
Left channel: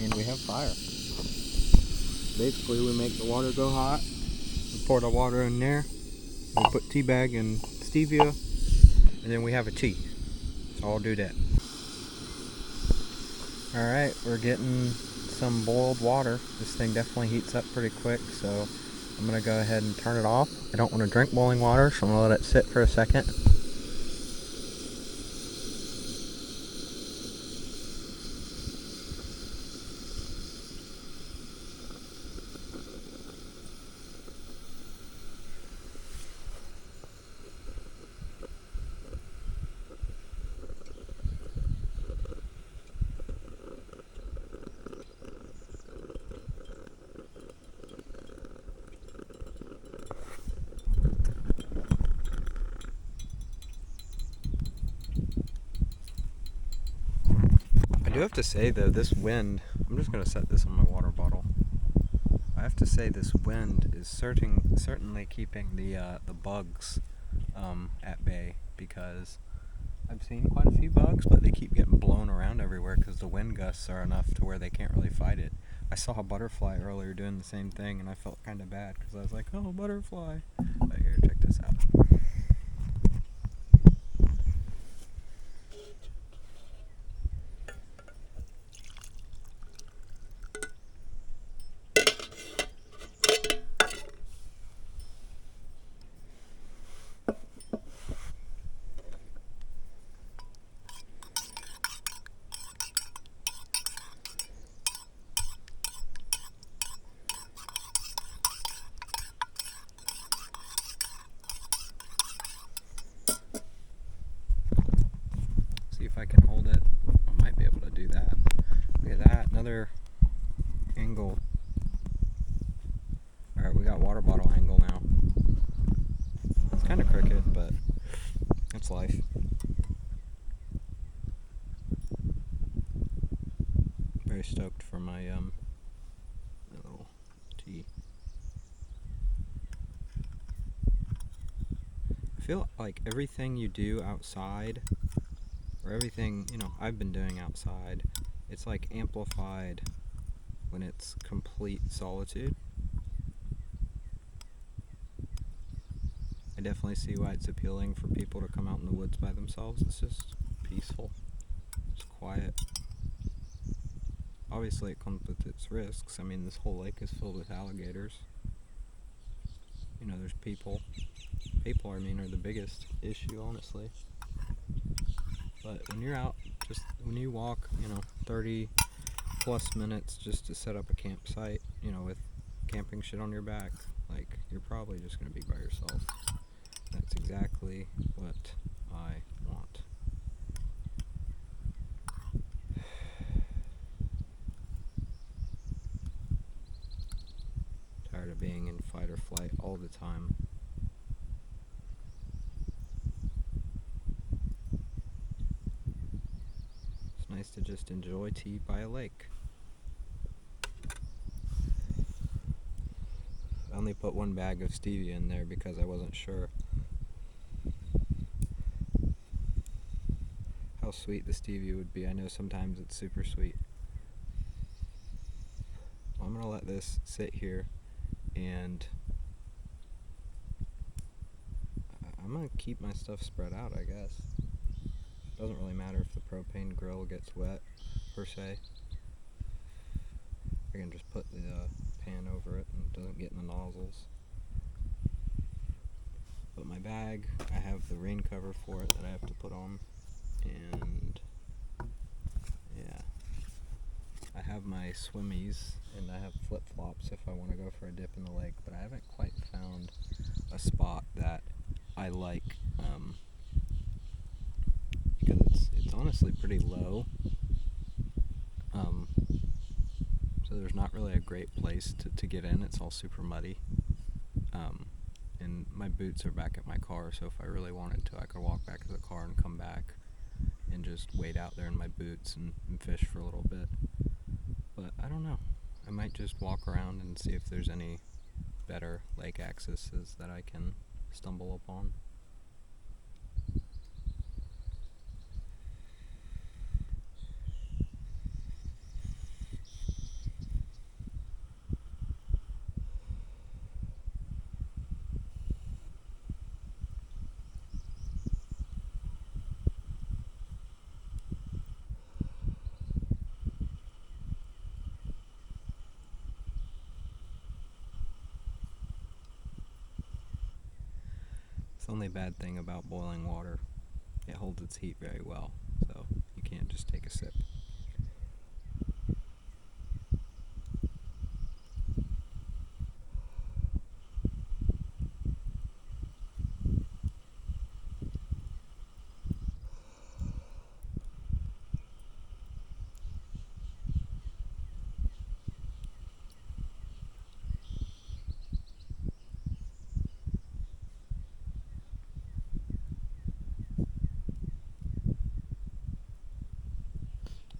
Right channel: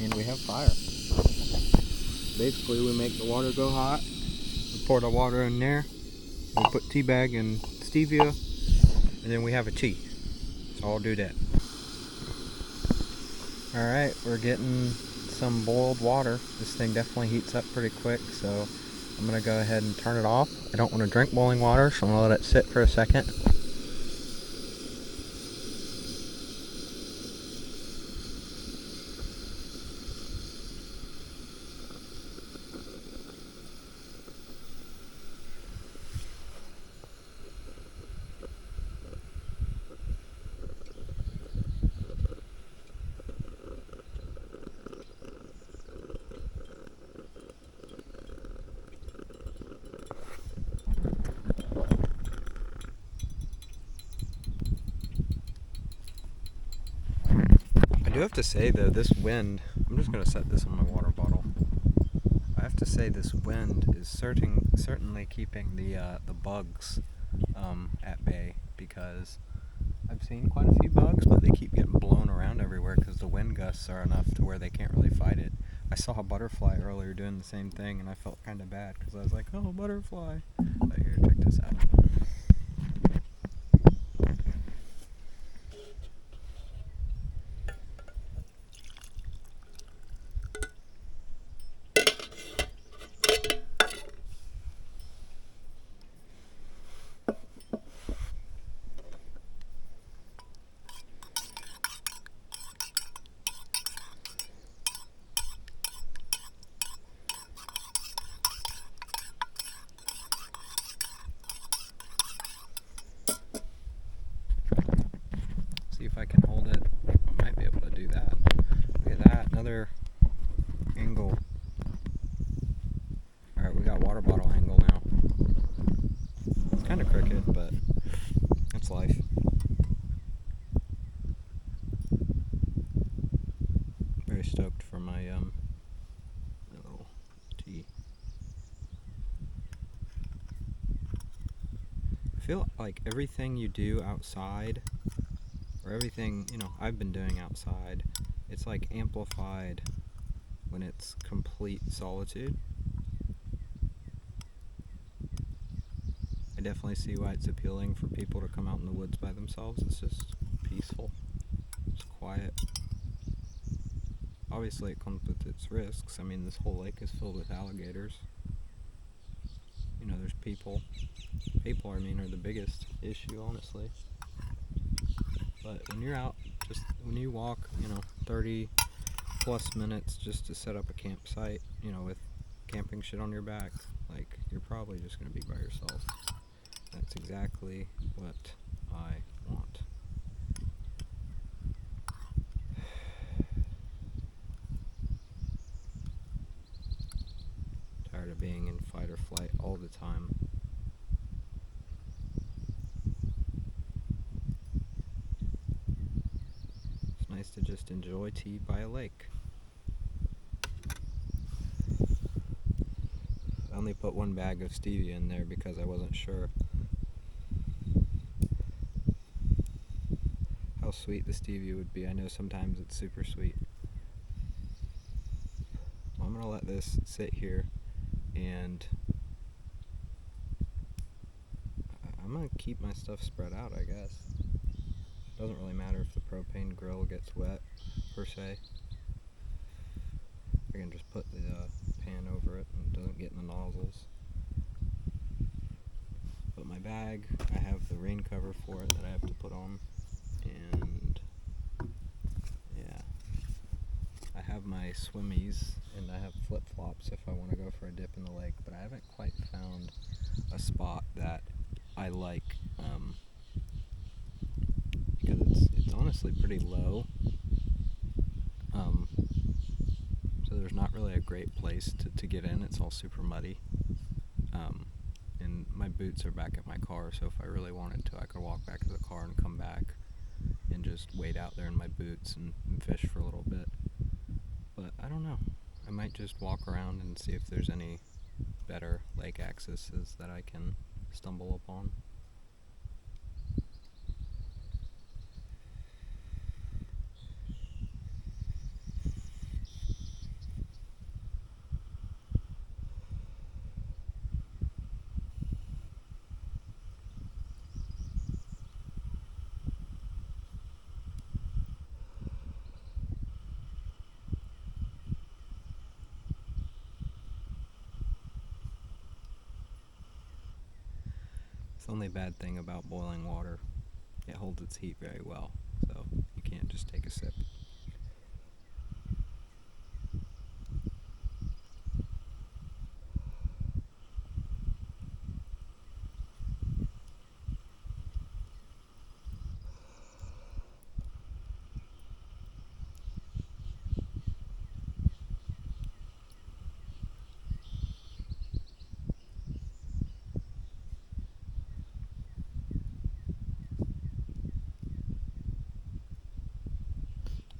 And we have fire. Basically, we make the water go hot. We pour the water in there. We put tea bag and stevia, and then we have a tea. So I'll do that. Alright, we're getting some boiled water. This thing definitely heats up pretty quick, so I'm going to go ahead and turn it off. I don't want to drink boiling water, so I'm going to let it sit for a second. I do have to say though, this wind, I'm just going to set this on my water bottle. I have to say this wind is certainly keeping the bugs at bay, because I've seen quite a few bugs, but they keep getting blown around everywhere because the wind gusts are enough to where they can't really fight it. I saw a butterfly earlier doing the same thing, and I felt kind of bad because I was like, oh, butterfly. But here, check this out. See if I can hold it. I might be able to do that. Look at that, another angle. Alright, we got water bottle angle now. It's kind of crooked, but that's life. Very stoked for my little tea. I feel like everything you do outside, or everything, I've been doing outside, it's like amplified when it's complete solitude. I definitely see why it's appealing for people to come out in the woods by themselves. It's just peaceful. It's quiet. Obviously it comes with its risks. I mean, this whole lake is filled with alligators. There's people. People, are the biggest issue, honestly. But when you're out, when you walk, 30 plus minutes just to set up a campsite, with camping shit on your back, like, you're probably just going to be by yourself. That's exactly what I want. tired of being in fight or flight all the time. It's nice to just enjoy tea by a lake. I only put one bag of stevia in there because I wasn't sure how sweet the stevia would be. I know sometimes it's super sweet. I'm gonna let this sit here, and I'm gonna keep my stuff spread out, I guess. Doesn't really matter if the propane grill gets wet, per se. I can just put the pan over it and it doesn't get in the nozzles. But my bag, I have the rain cover for it that I have to put on, and yeah. I have my swimmies, and I have flip-flops if I want to go for a dip in the lake, but I haven't quite found a spot that I like, because it's honestly pretty low, so there's not really a great place to get in. It's all super muddy, and my boots are back at my car, so if I really wanted to, I could walk back to the car and come back and just wait out there in my boots and fish for a little bit. But I don't know. I might just walk around and see if there's any better lake accesses that I can stumble upon. The only bad thing about boiling water, it holds its heat very well, so you can't just take a sip.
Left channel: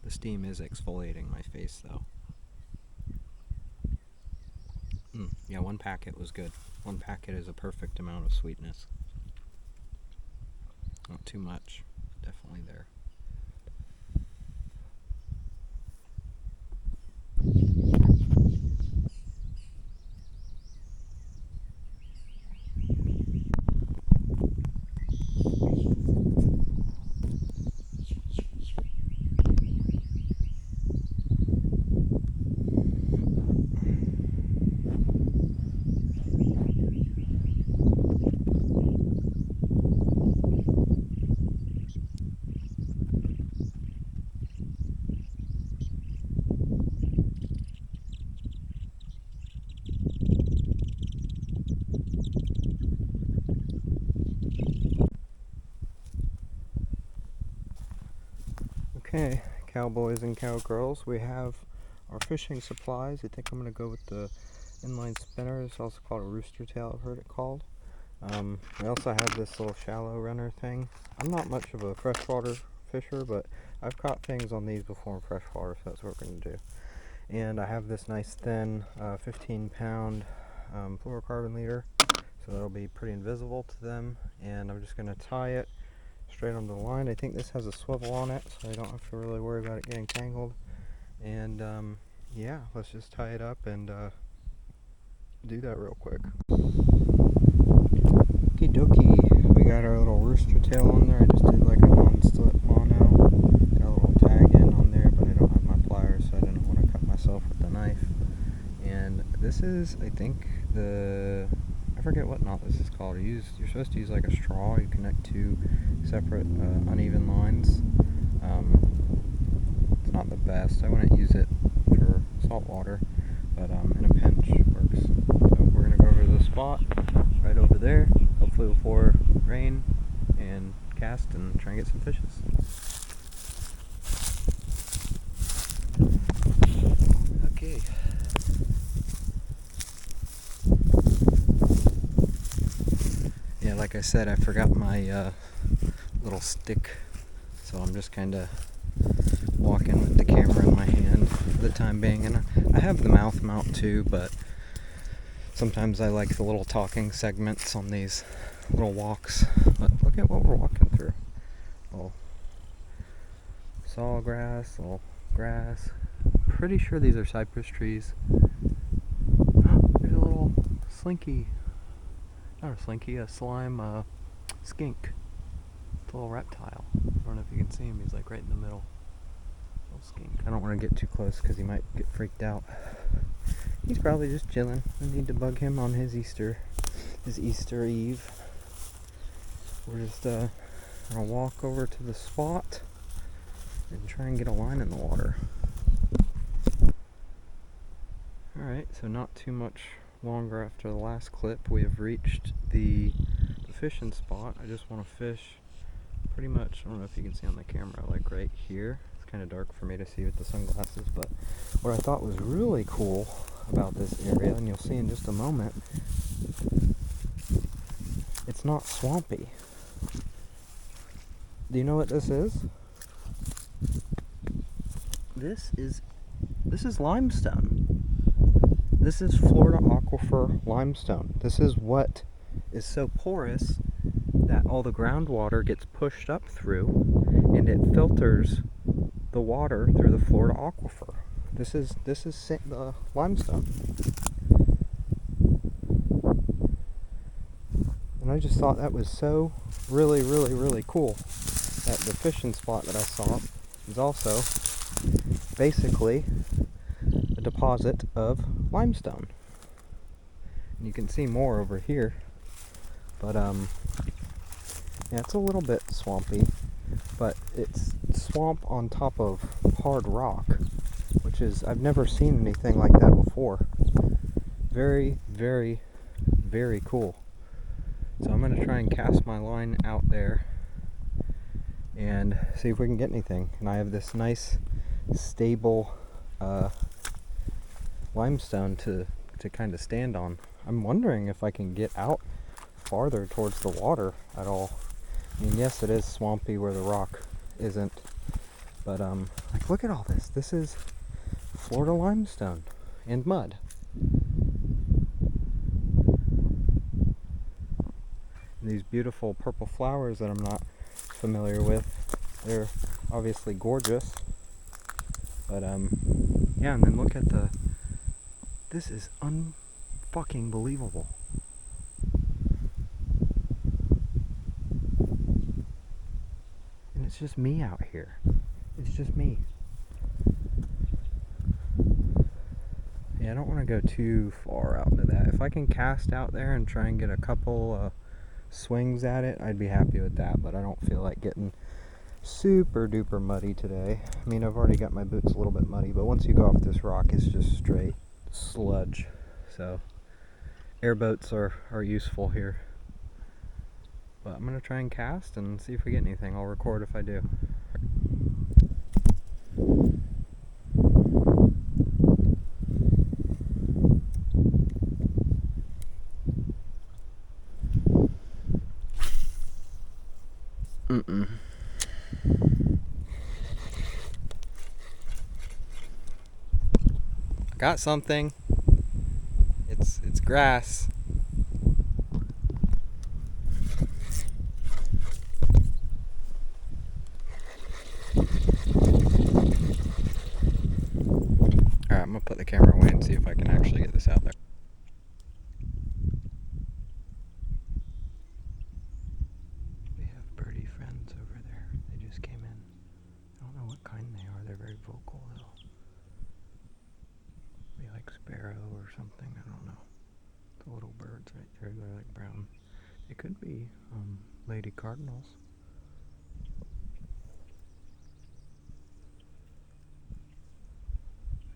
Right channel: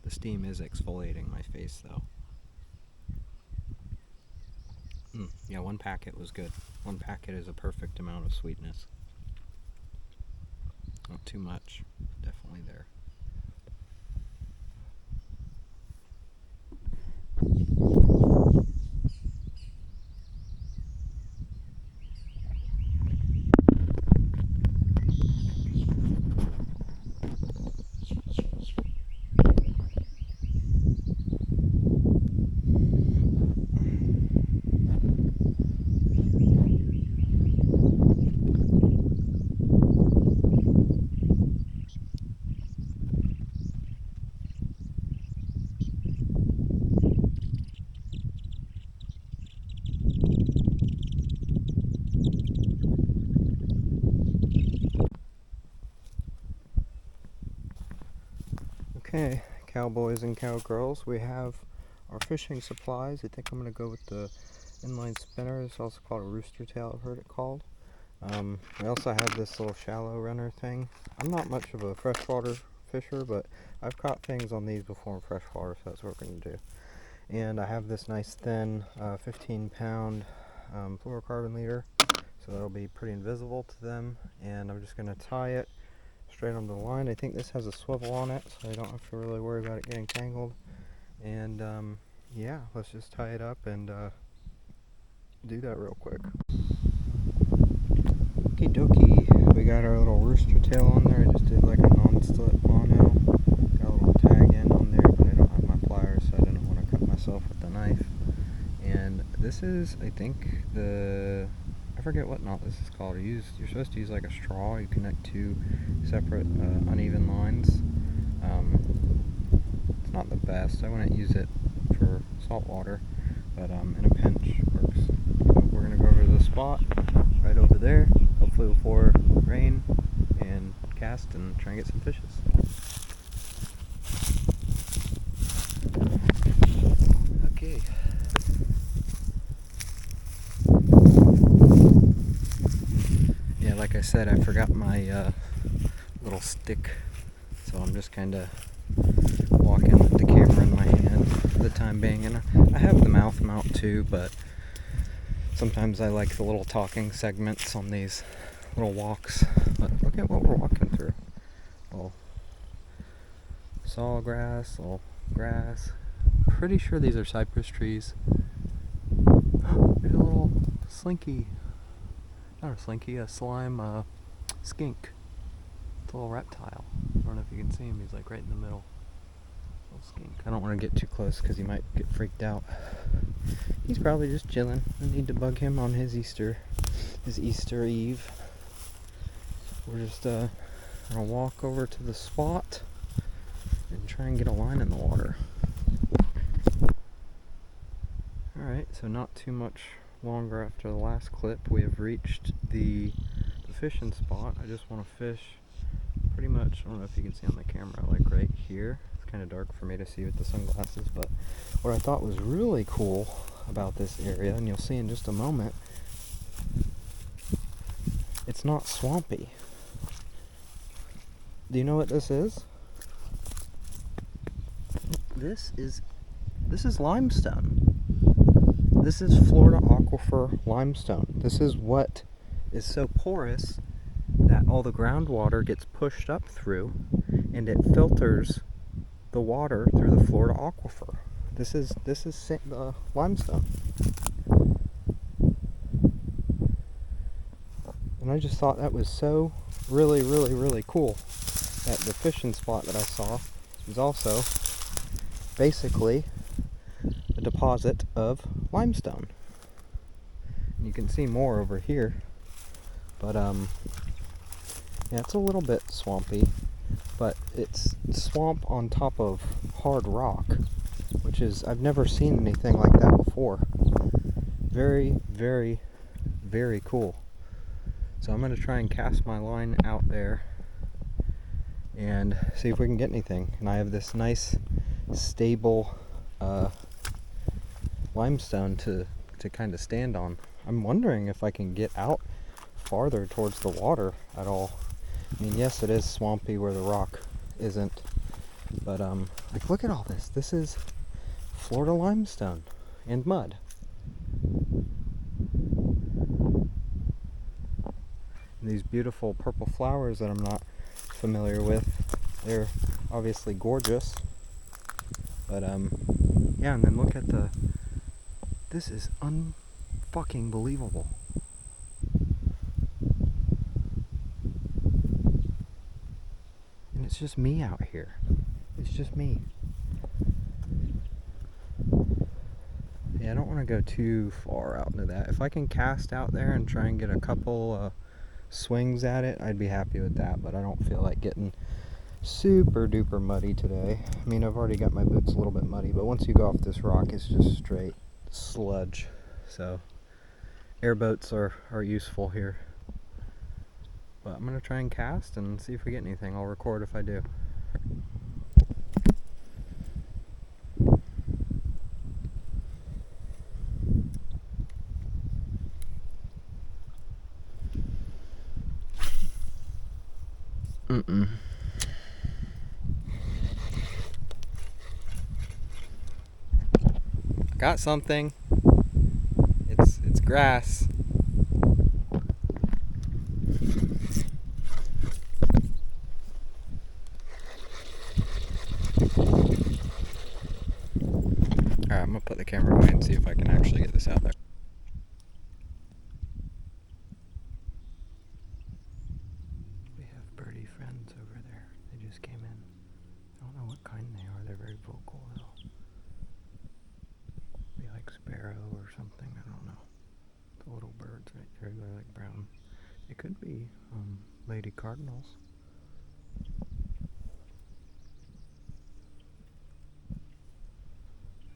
The steam is exfoliating my face, though. Yeah, one packet was good. One packet is a perfect amount of sweetness. Not too much, definitely there. Okay, cowboys and cowgirls, we have our fishing supplies. I think I'm going to go with the inline spinner. It's also called a rooster tail, I've heard it called. I also have this little shallow runner thing. I'm not much of a freshwater fisher, but I've caught things on these before in freshwater, so that's what we're going to do. And I have this nice thin 15-pound fluorocarbon leader, so that'll be pretty invisible to them. And I'm just going to tie it straight on the line. I think this has a swivel on it, so I don't have to really worry about it getting tangled. And yeah, let's just tie it up and do that real quick. Okie dokie, we got our little rooster tail on there. I just did like a non-slip mono. Got a little tag end on there, but I don't have my pliers, so I didn't want to cut myself with the knife. And this is, I think, I forget what knot this is called. You're supposed to use like a straw. You connect two separate uneven lines. It's not the best. I wouldn't use it for salt water, but in a pinch works. So we're gonna go over to the spot right over there, hopefully before rain, and cast and try and get some fishes. Okay. like I said, I forgot my little stick, so I'm just kind of walking with the camera in my hand for the time being. And I have the mouth mount too, but sometimes I like the little talking segments on these little walks. But look at what we're walking through. Little sawgrass, little grass. Pretty sure these are cypress trees. There's a little slinky. Not a slinky, a slime skink. It's a little reptile. I don't know if you can see him. He's like right in the middle. Little skink. I don't want to get too close because he might get freaked out. He's probably just chilling. I need to bug him on his Easter Eve. We're just gonna walk over to the spot and try and get a line in the water. Alright, so not too much longer after the last clip, we have reached the fishing spot. I just want to fish pretty much, I don't know if you can see on the camera, like right here. It's kind of dark for me to see with the sunglasses, but what I thought was really cool about this area, and you'll see in just a moment, it's not swampy. Do you know what this is? This is limestone. This is Florida Aquifer limestone. This is what is so porous that all the groundwater gets pushed up through and it filters the water through the Florida Aquifer. This is the limestone. And I just thought that was so really cool that the fishing spot that I saw is also basically a deposit of limestone. And you can see more over here, but yeah, it's a little bit swampy, but it's swamp on top of hard rock, which is, I've never seen anything like that before. Very cool. So I'm going to try and cast my line out there and see if we can get anything. And I have this nice stable limestone to kind of stand on. I'm wondering if I can get out farther towards the water at all. I mean, yes, it is swampy where the rock isn't, but like, look at all this. This is Florida limestone and mud. And these beautiful purple flowers that I'm not familiar with, they're obviously gorgeous, but yeah. And then look at this is unfucking believable. And it's just me out here. It's just me. Yeah, I don't want to go too far out into that. If I can cast out there and try and get a couple swings at it, I'd be happy with that, but I don't feel like getting super duper muddy today. I mean, I've already got my boots a little bit muddy, but once you go off this rock, it's just straight sludge. So airboats are useful here. But I'm gonna try and cast and see if we get anything. I'll record if I do. Got something. It's grass. Alright, I'm gonna put the camera away and see if I can actually get this out there. We have birdie friends over there. They just came in. I don't know what kind they are. They're very vocal though. Maybe like sparrow or something. I don't know. The little birds right there. They're like brown. They could be lady cardinals.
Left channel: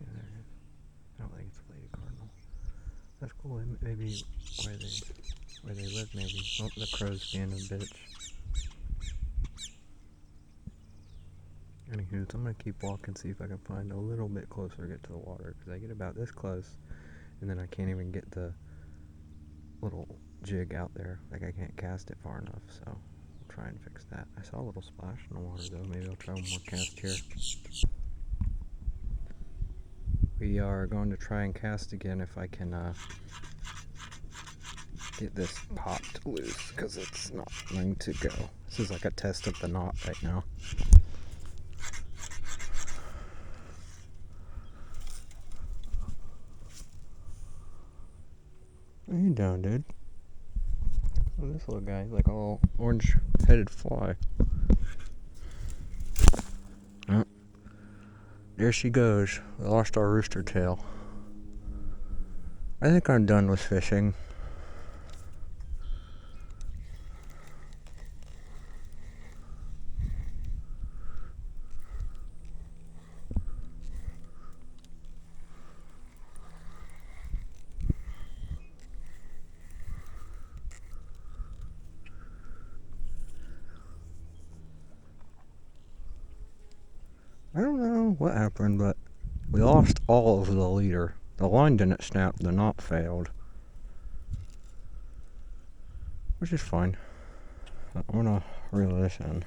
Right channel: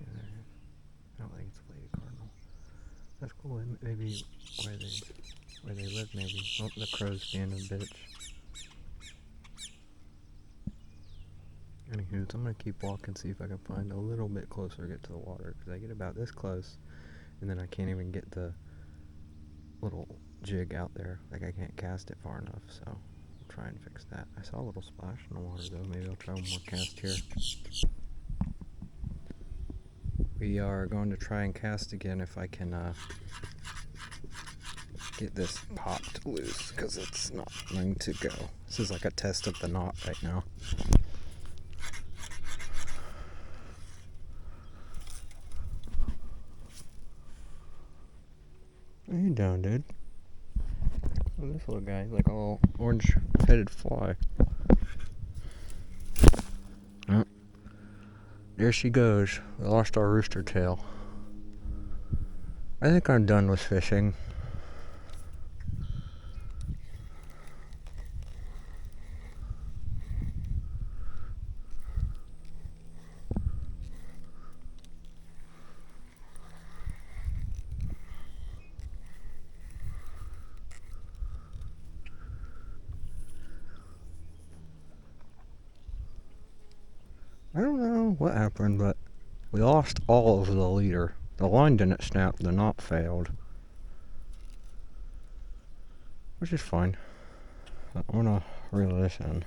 Yeah, there it is. I don't think it's a lady cardinal. That's cool. Maybe where they live. Maybe. Oh, the crow's being a bitch. Anywho, so I'm gonna keep walking, see if I can find a little bit closer, get to the water, because I get about this close, and then I can't even get the little jig out there. Like, I can't cast it far enough, so I'll try and fix that. I saw a little splash in the water though. Maybe I'll try one more cast here. We are going to try and cast again if I can get this popped loose, because it's not going to go. This is like a test of the knot right now. What are you doing, dude? Oh, this little guy, like a little orange-headed fly. Oh, there she goes. We lost our rooster tail. I think I'm done with fishing. I don't know what happened, but we lost all of the leader. The line didn't snap, the knot failed. Which is fine. I'm gonna reel this in.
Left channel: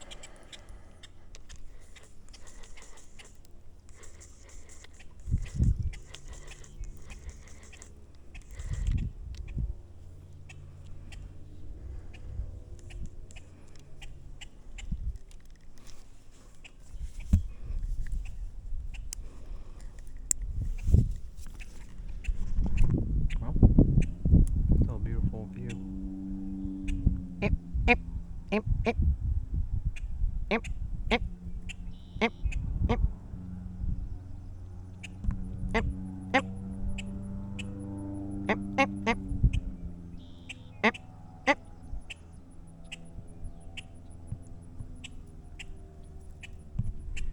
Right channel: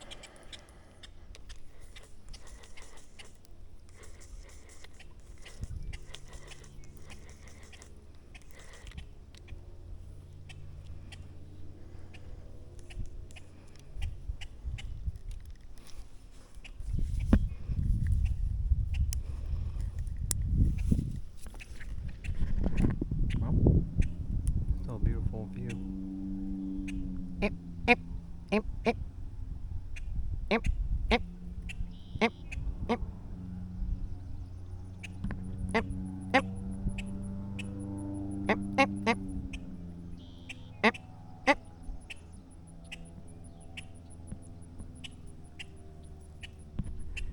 Well, still a beautiful view.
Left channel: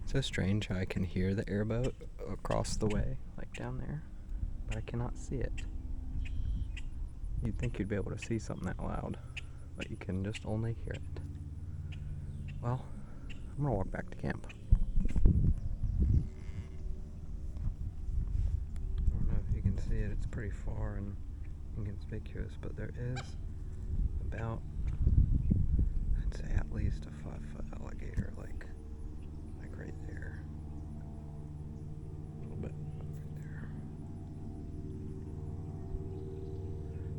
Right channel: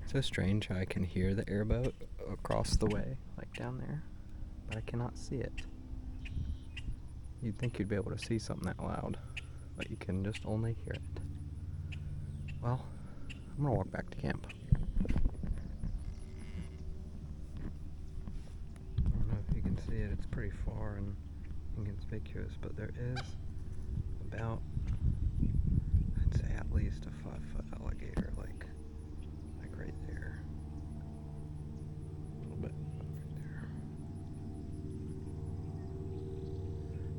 So strange how I can hear the airboat across the way, like down there, but I cannot see it. You'd think you'd be able to see something that loud, but you can just only hear it. Well, I'm gonna walk back to camp. I don't know if you can see it, it's pretty far and inconspicuous, but there is about, I'd say at least a 5-foot alligator, like right there. A little bit right there.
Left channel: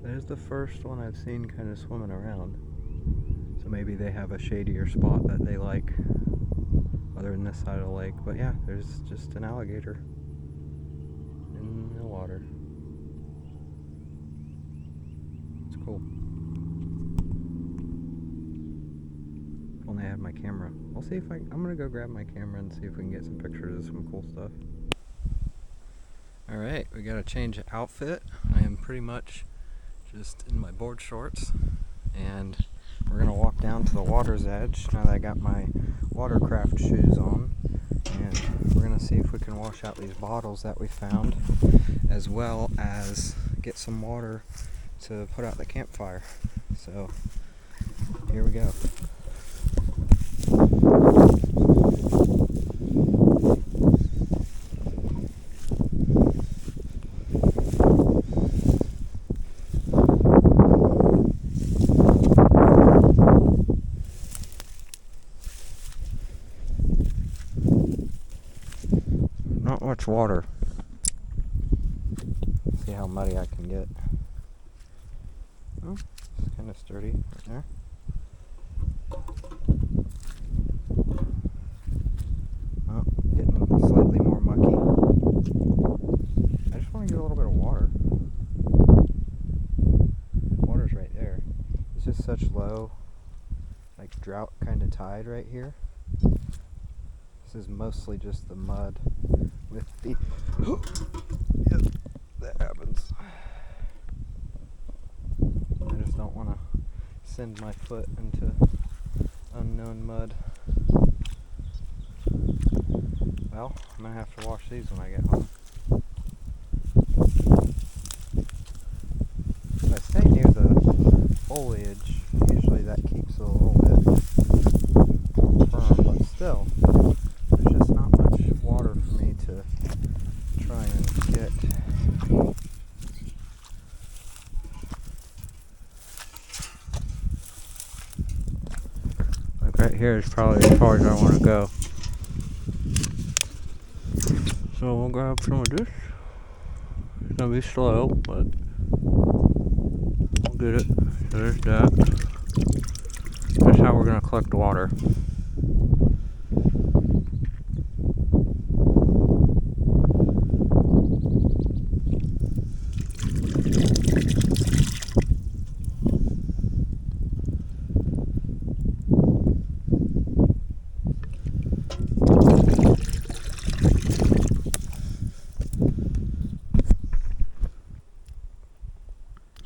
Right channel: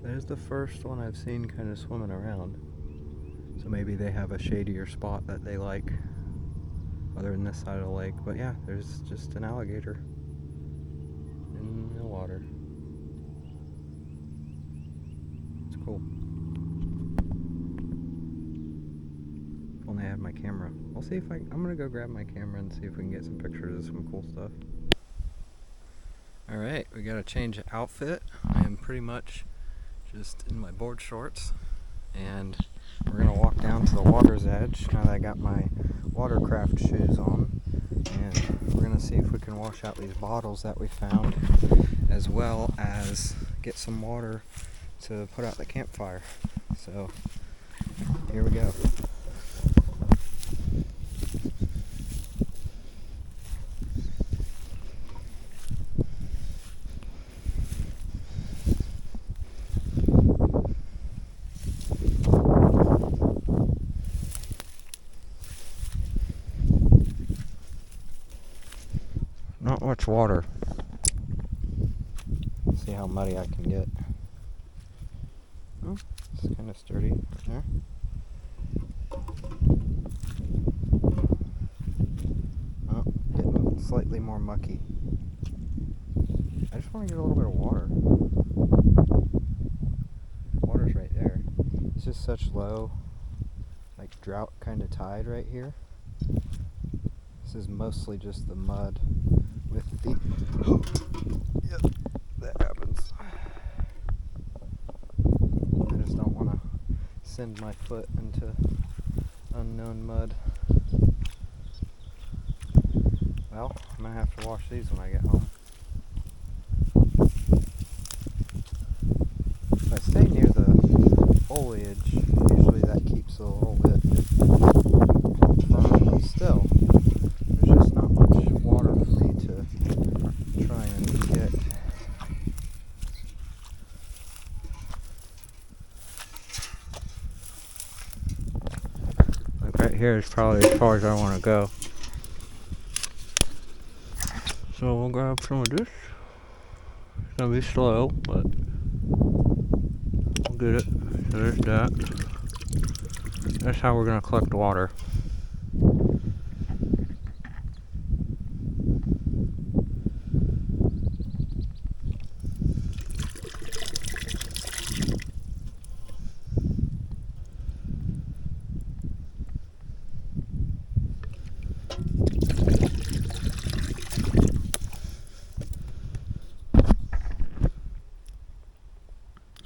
That is the first one I've seen kind of swimming around. So maybe they have a shadier spot that they like other than this side of the lake. But yeah, there's just an alligator in the water. It's cool. If only I had my camera. I'll see if I'm gonna go grab my camera and see if we can get some pictures of some cool stuff. Alright, we got a change of outfit. I am pretty much just in my board shorts, and we're gonna walk down to the water's edge now that I got my watercraft shoes on, and we're gonna see if we can wash out these bottles that we found, as well as get some water to put out the campfire. So here we go. Not much water. See how muddy I can get. Oh, it's kind of sturdy right there. Oh, getting slightly more mucky. I just want to get a little bit of water. Water's right there. It's just such low, like drought kind of tide right here. This is mostly just the mud with the yep, that happens. I just don't want to send my foot into unknown mud. Well, I'm gonna have to wash these when I get home. If I stay near the foliage, usually that keeps a little bit firm, but still, there's just not much water for me to try and get. right here is probably as far as I want to go. So we'll grab some of this. It's gonna be slow, but we'll get it. So there's that. That's how we're gonna collect water.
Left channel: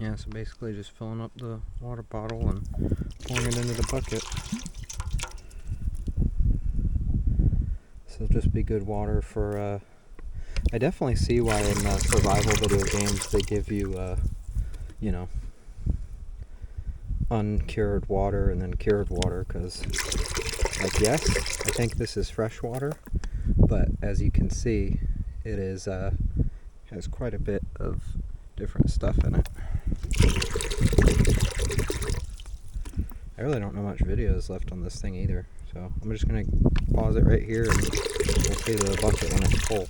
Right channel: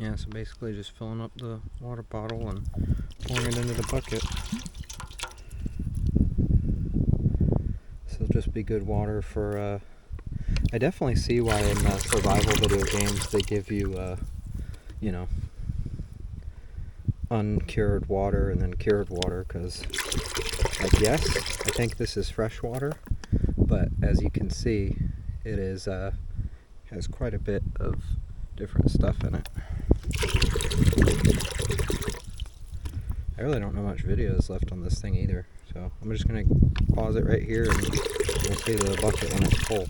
Yeah, so basically just filling up the water bottle and pouring it into the bucket. This will just be good water for, I definitely see why in survival video games they give you, you know, uncured water and then cured water, because, like, yes, I think this is fresh water, but as you can see, it is, has quite a bit of different stuff in it. I really don't know much video is left on this thing either, so I'm just going to pause it right here and we'll see the bucket when it's full.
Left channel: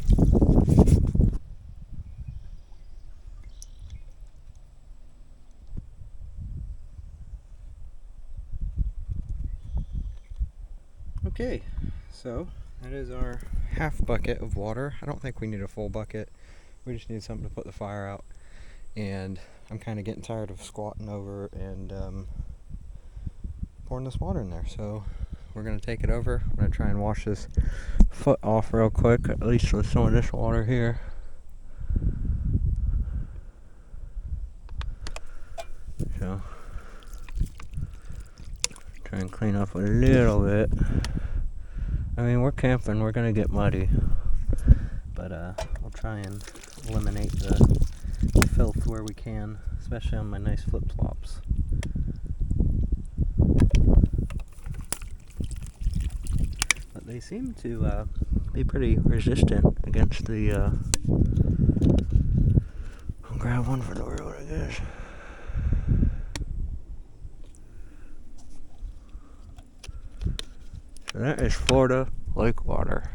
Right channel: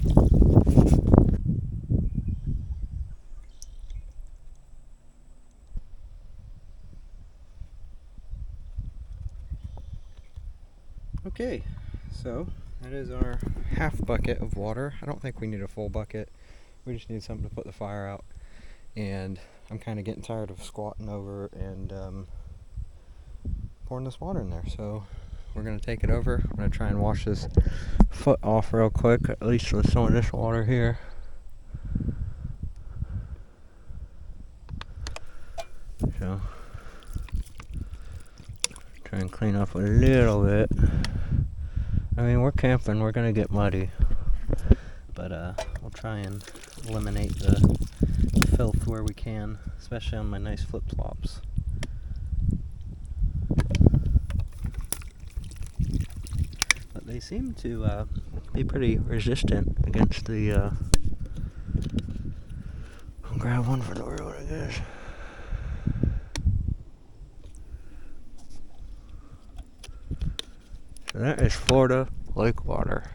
Okay, so that is our half bucket of water. I don't think we need a full bucket. We just need something to put the fire out. And I'm kind of getting tired of squatting over and pouring this water in there. So we're going to take it over. I'm going to try and wash this foot off real quick, at least with some of this water here. So try and clean up a little bit. I mean, we're camping, we're going to get muddy. But we'll try and eliminate the filth where we can, especially on my nice flip-flops. But they seem to be pretty resistant against the I'll grab one for the road, I guess. So that is Florida lake water.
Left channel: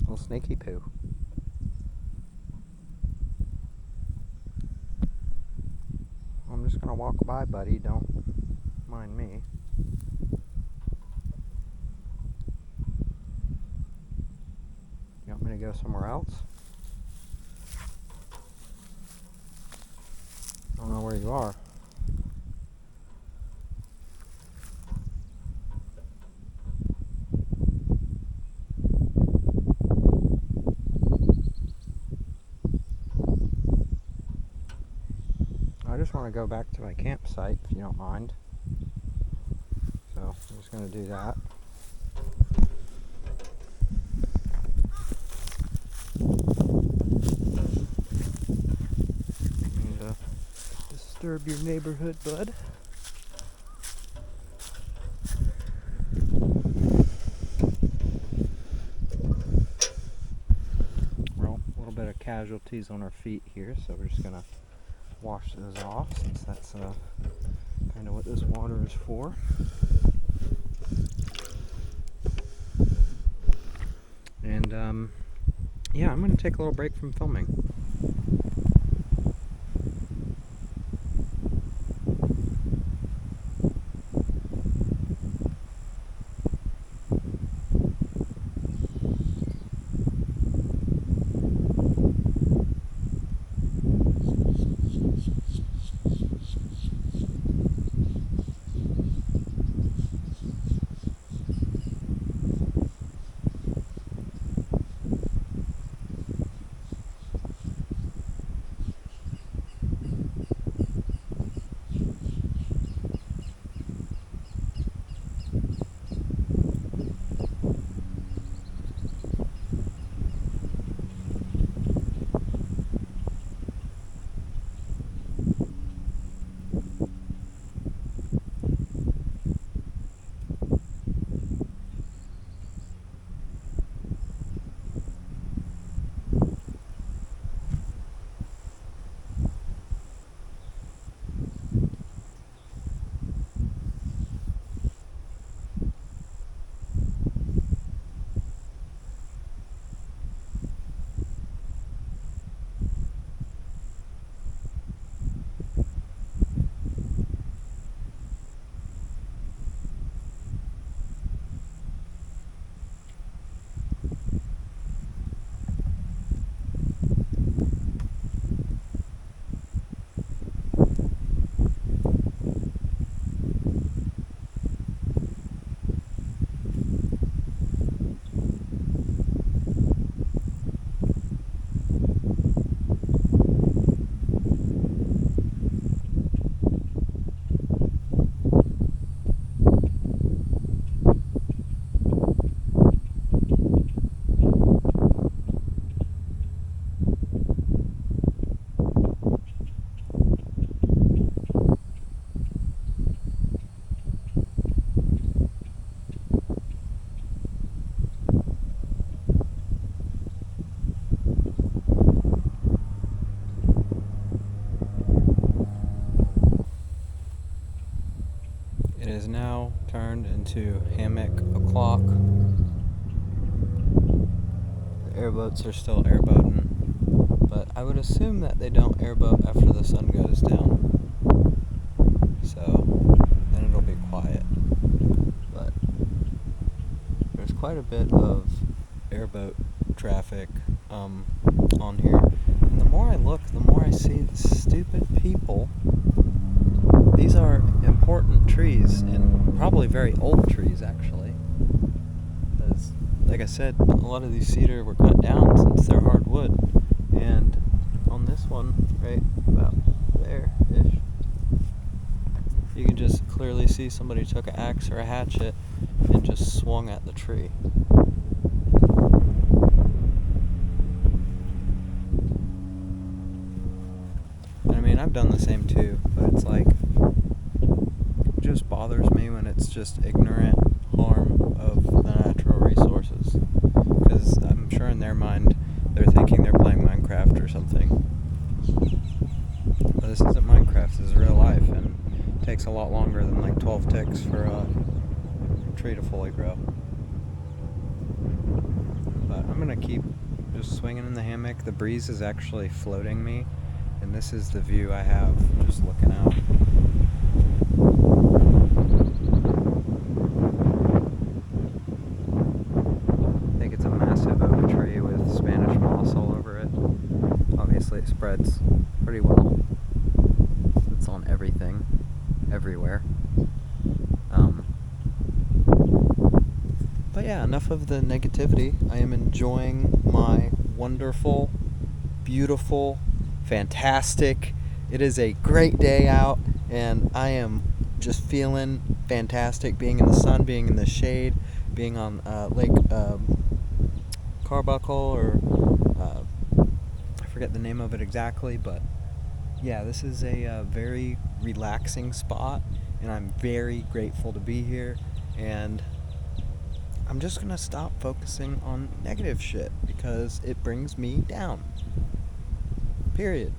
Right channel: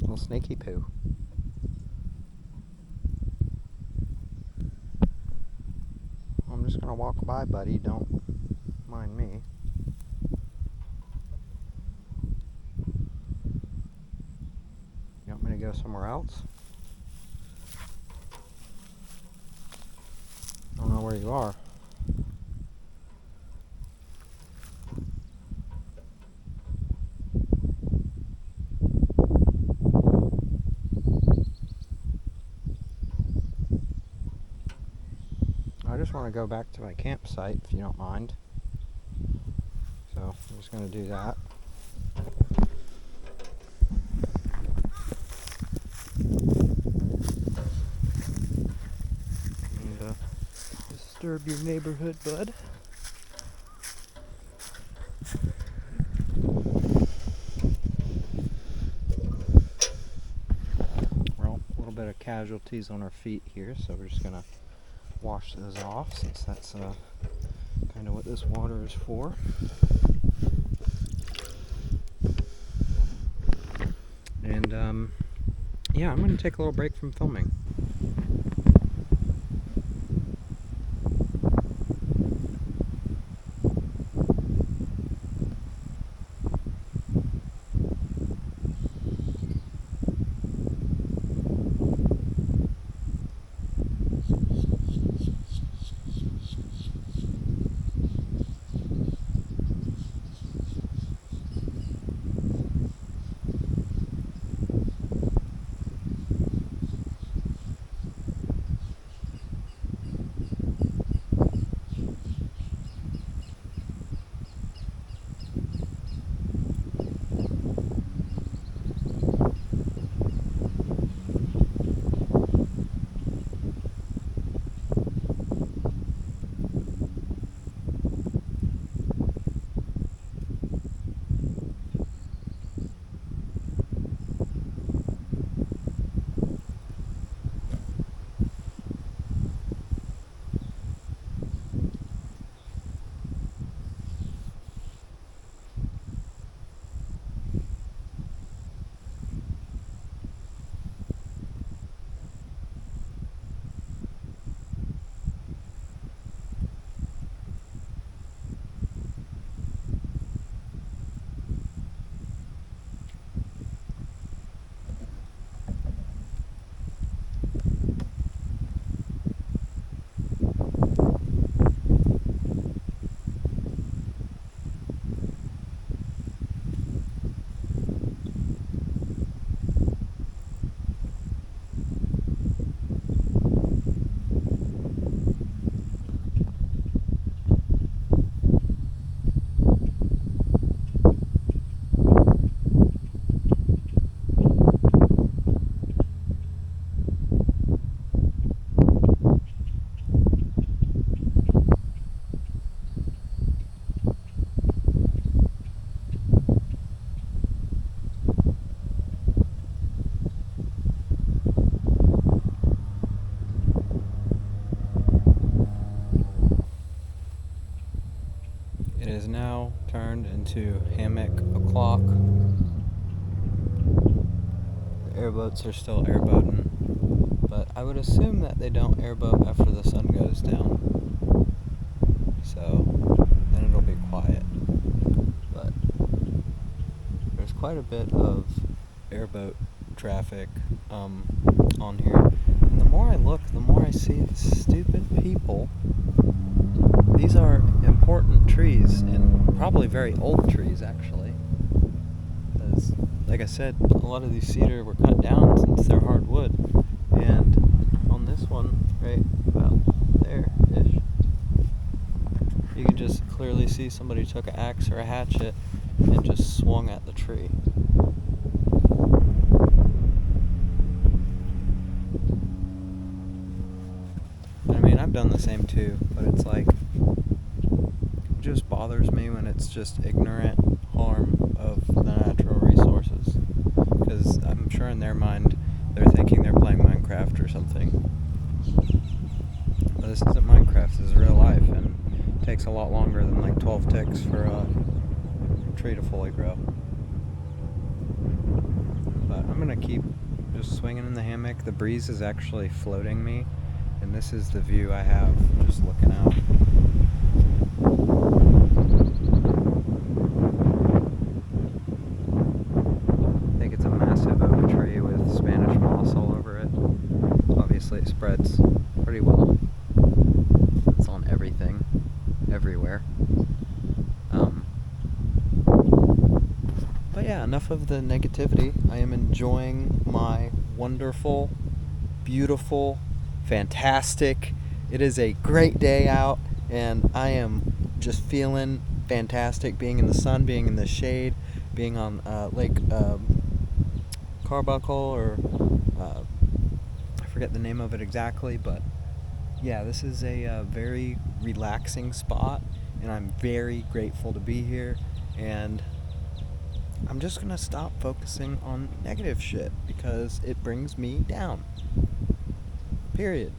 Little snaky poo. I'm just gonna walk by, buddy. Don't mind me. You want me to go somewhere else? I don't know where you are. I just want to go back to my campsite, if you don't mind. So I'm just going to do that. And disturb your neighborhood, bud. Well, a little bit of casualties on our feet here, so we're just going to wash those off, since that's kind of what this water is for. And yeah, I'm going to take a little break from filming. has now turned into hammock o'clock. The airboats are still airboating, but I would assume that they don't airboat after the sun goes down. So then it'll be quiet. But there's quite a bit of airboat traffic on here. And the more I look, the more I see stupid people. These are important trees, and probably very old trees, actually. Because, like I said, a lot of these cedar were cut down since they're hardwood. And on this one, right about there-ish, you can just clearly see somebody took an axe or a hatchet and just swung at the tree. I mean, I've done the same too, but it's like, it just bothers me when it's just ignorant harm of the natural resources. Because I'm sure in their mind, they're thinking they're playing Minecraft or something. But this isn't Minecraft, this is real life, and it takes a lot longer than like 12 ticks for a tree to fully grow. But I'm gonna keep just swinging in the hammock. The breeze is actually floating me, and this is the view I have just looking out. I think it's a massive oak tree with Spanish moss all over it. Obviously it spreads pretty well. It's on everything, everywhere. But yeah, enough of the negativity. I am enjoying my wonderful, beautiful, fantastic. It is a great day out, and I am just feeling fantastic being in the sun, being in the shade, being on Lake Arbuckle, or I forget the name of it exactly, but yeah, this is a very relaxing spot, and I'm very grateful to be here. And I'm just gonna stop focusing on negative shit because it brings me down. Period.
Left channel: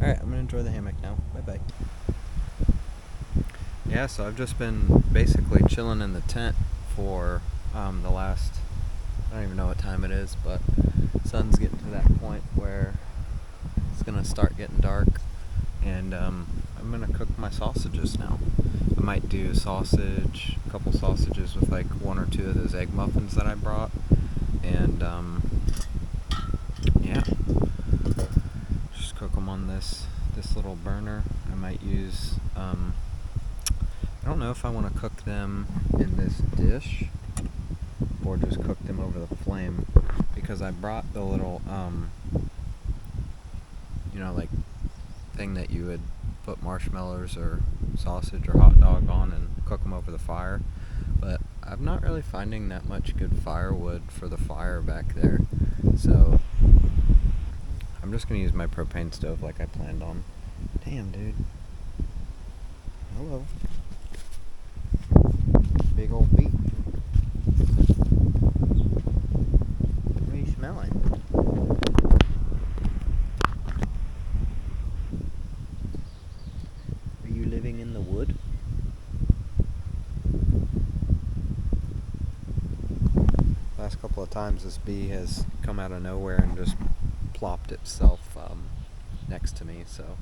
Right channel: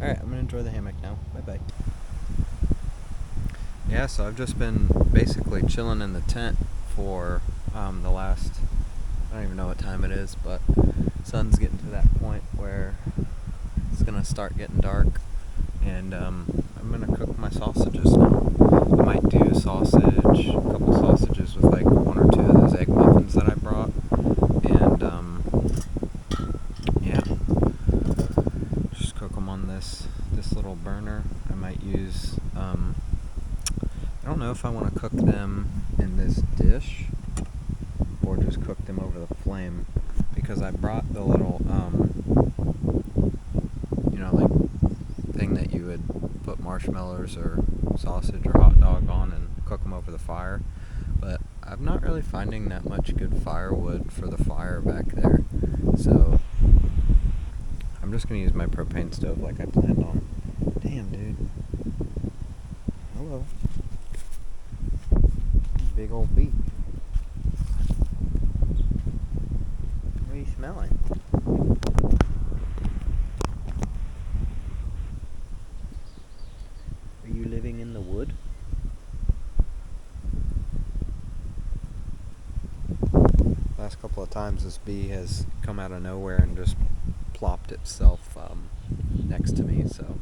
Alright, I'm gonna enjoy the hammock now. Bye bye. Yeah, so I've just been basically chilling in the tent for the last, I don't even know what time it is, but sun's getting to that point where it's gonna start getting dark, and I'm gonna cook my sausages now. I might do sausage, a couple sausages with like one or two of those egg muffins that I brought, and yeah, just cook them on this little burner. I might use I don't know if I want to cook them in this dish or just cook them over the flame, because I brought the little like thing that you would put marshmallows or sausage or hot dog on and cook them over the fire, but I'm not really finding that much good firewood for the fire back there, so I'm just gonna use my propane stove like I planned on. Damn, dude. Hello. Big old bee. What are you smelling? Are you living in the wood? Last couple of times this bee has come out of nowhere and just plopped itself next to me, so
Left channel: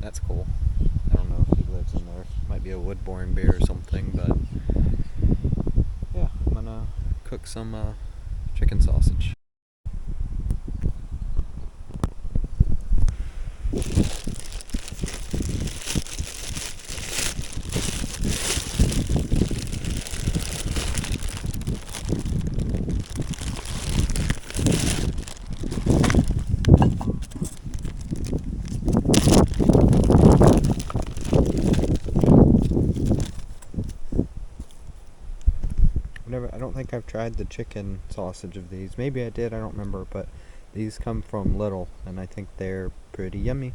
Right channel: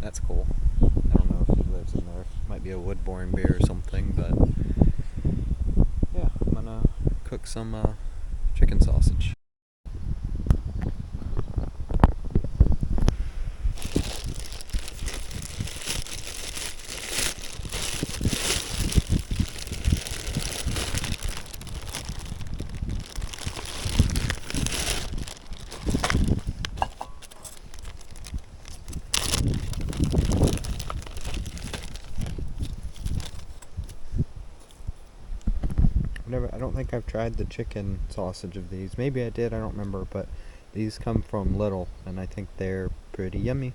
that's cool. I don't know if he lives in there. Might be a wood-boring bee or something, but yeah, I'm gonna cook some chicken sausage. I don't think I've tried the chicken sausage of these. Maybe I did, I don't remember, but these come from Little, and I think they're pretty yummy.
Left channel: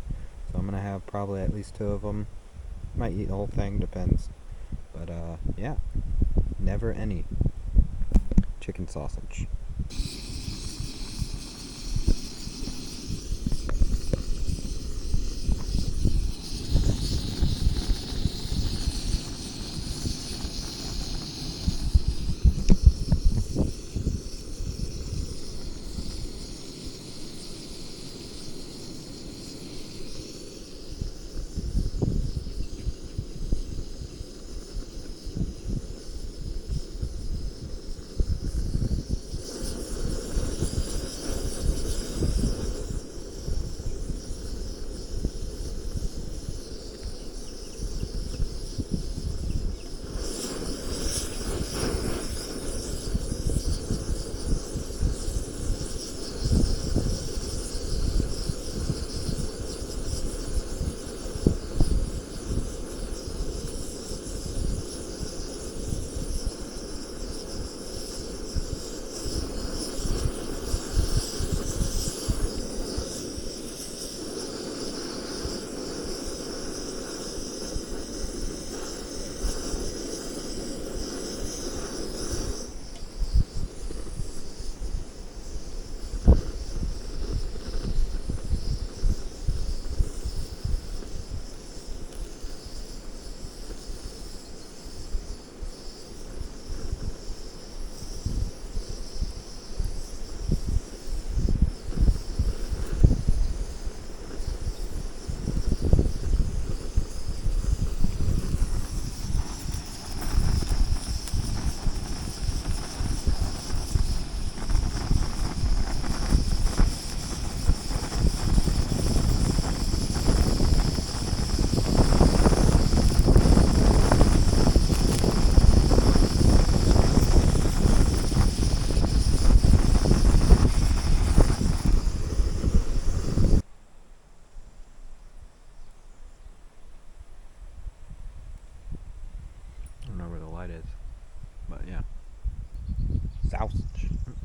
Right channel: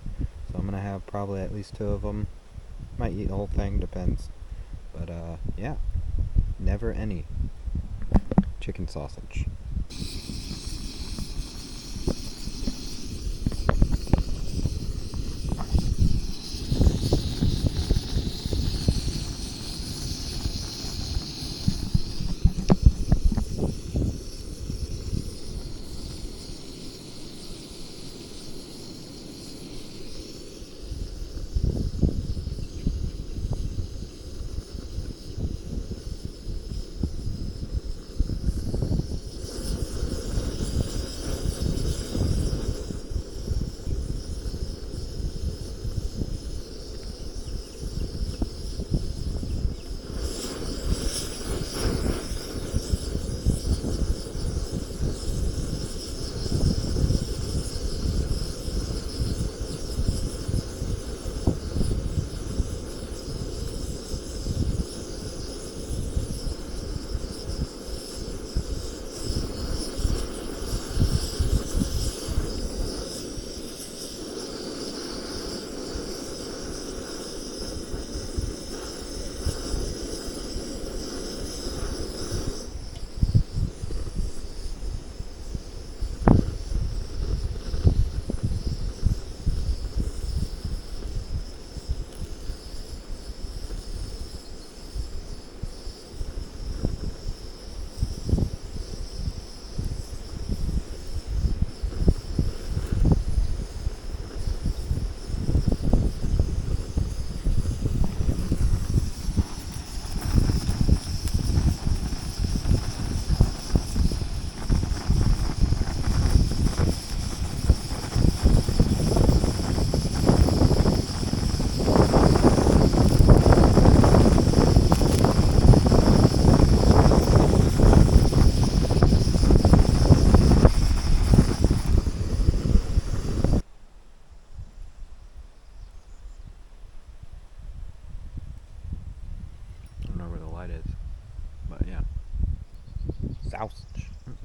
So I'm gonna have probably at least 2 of them. Might eat the whole thing, depends. But yeah, never any chicken sausage.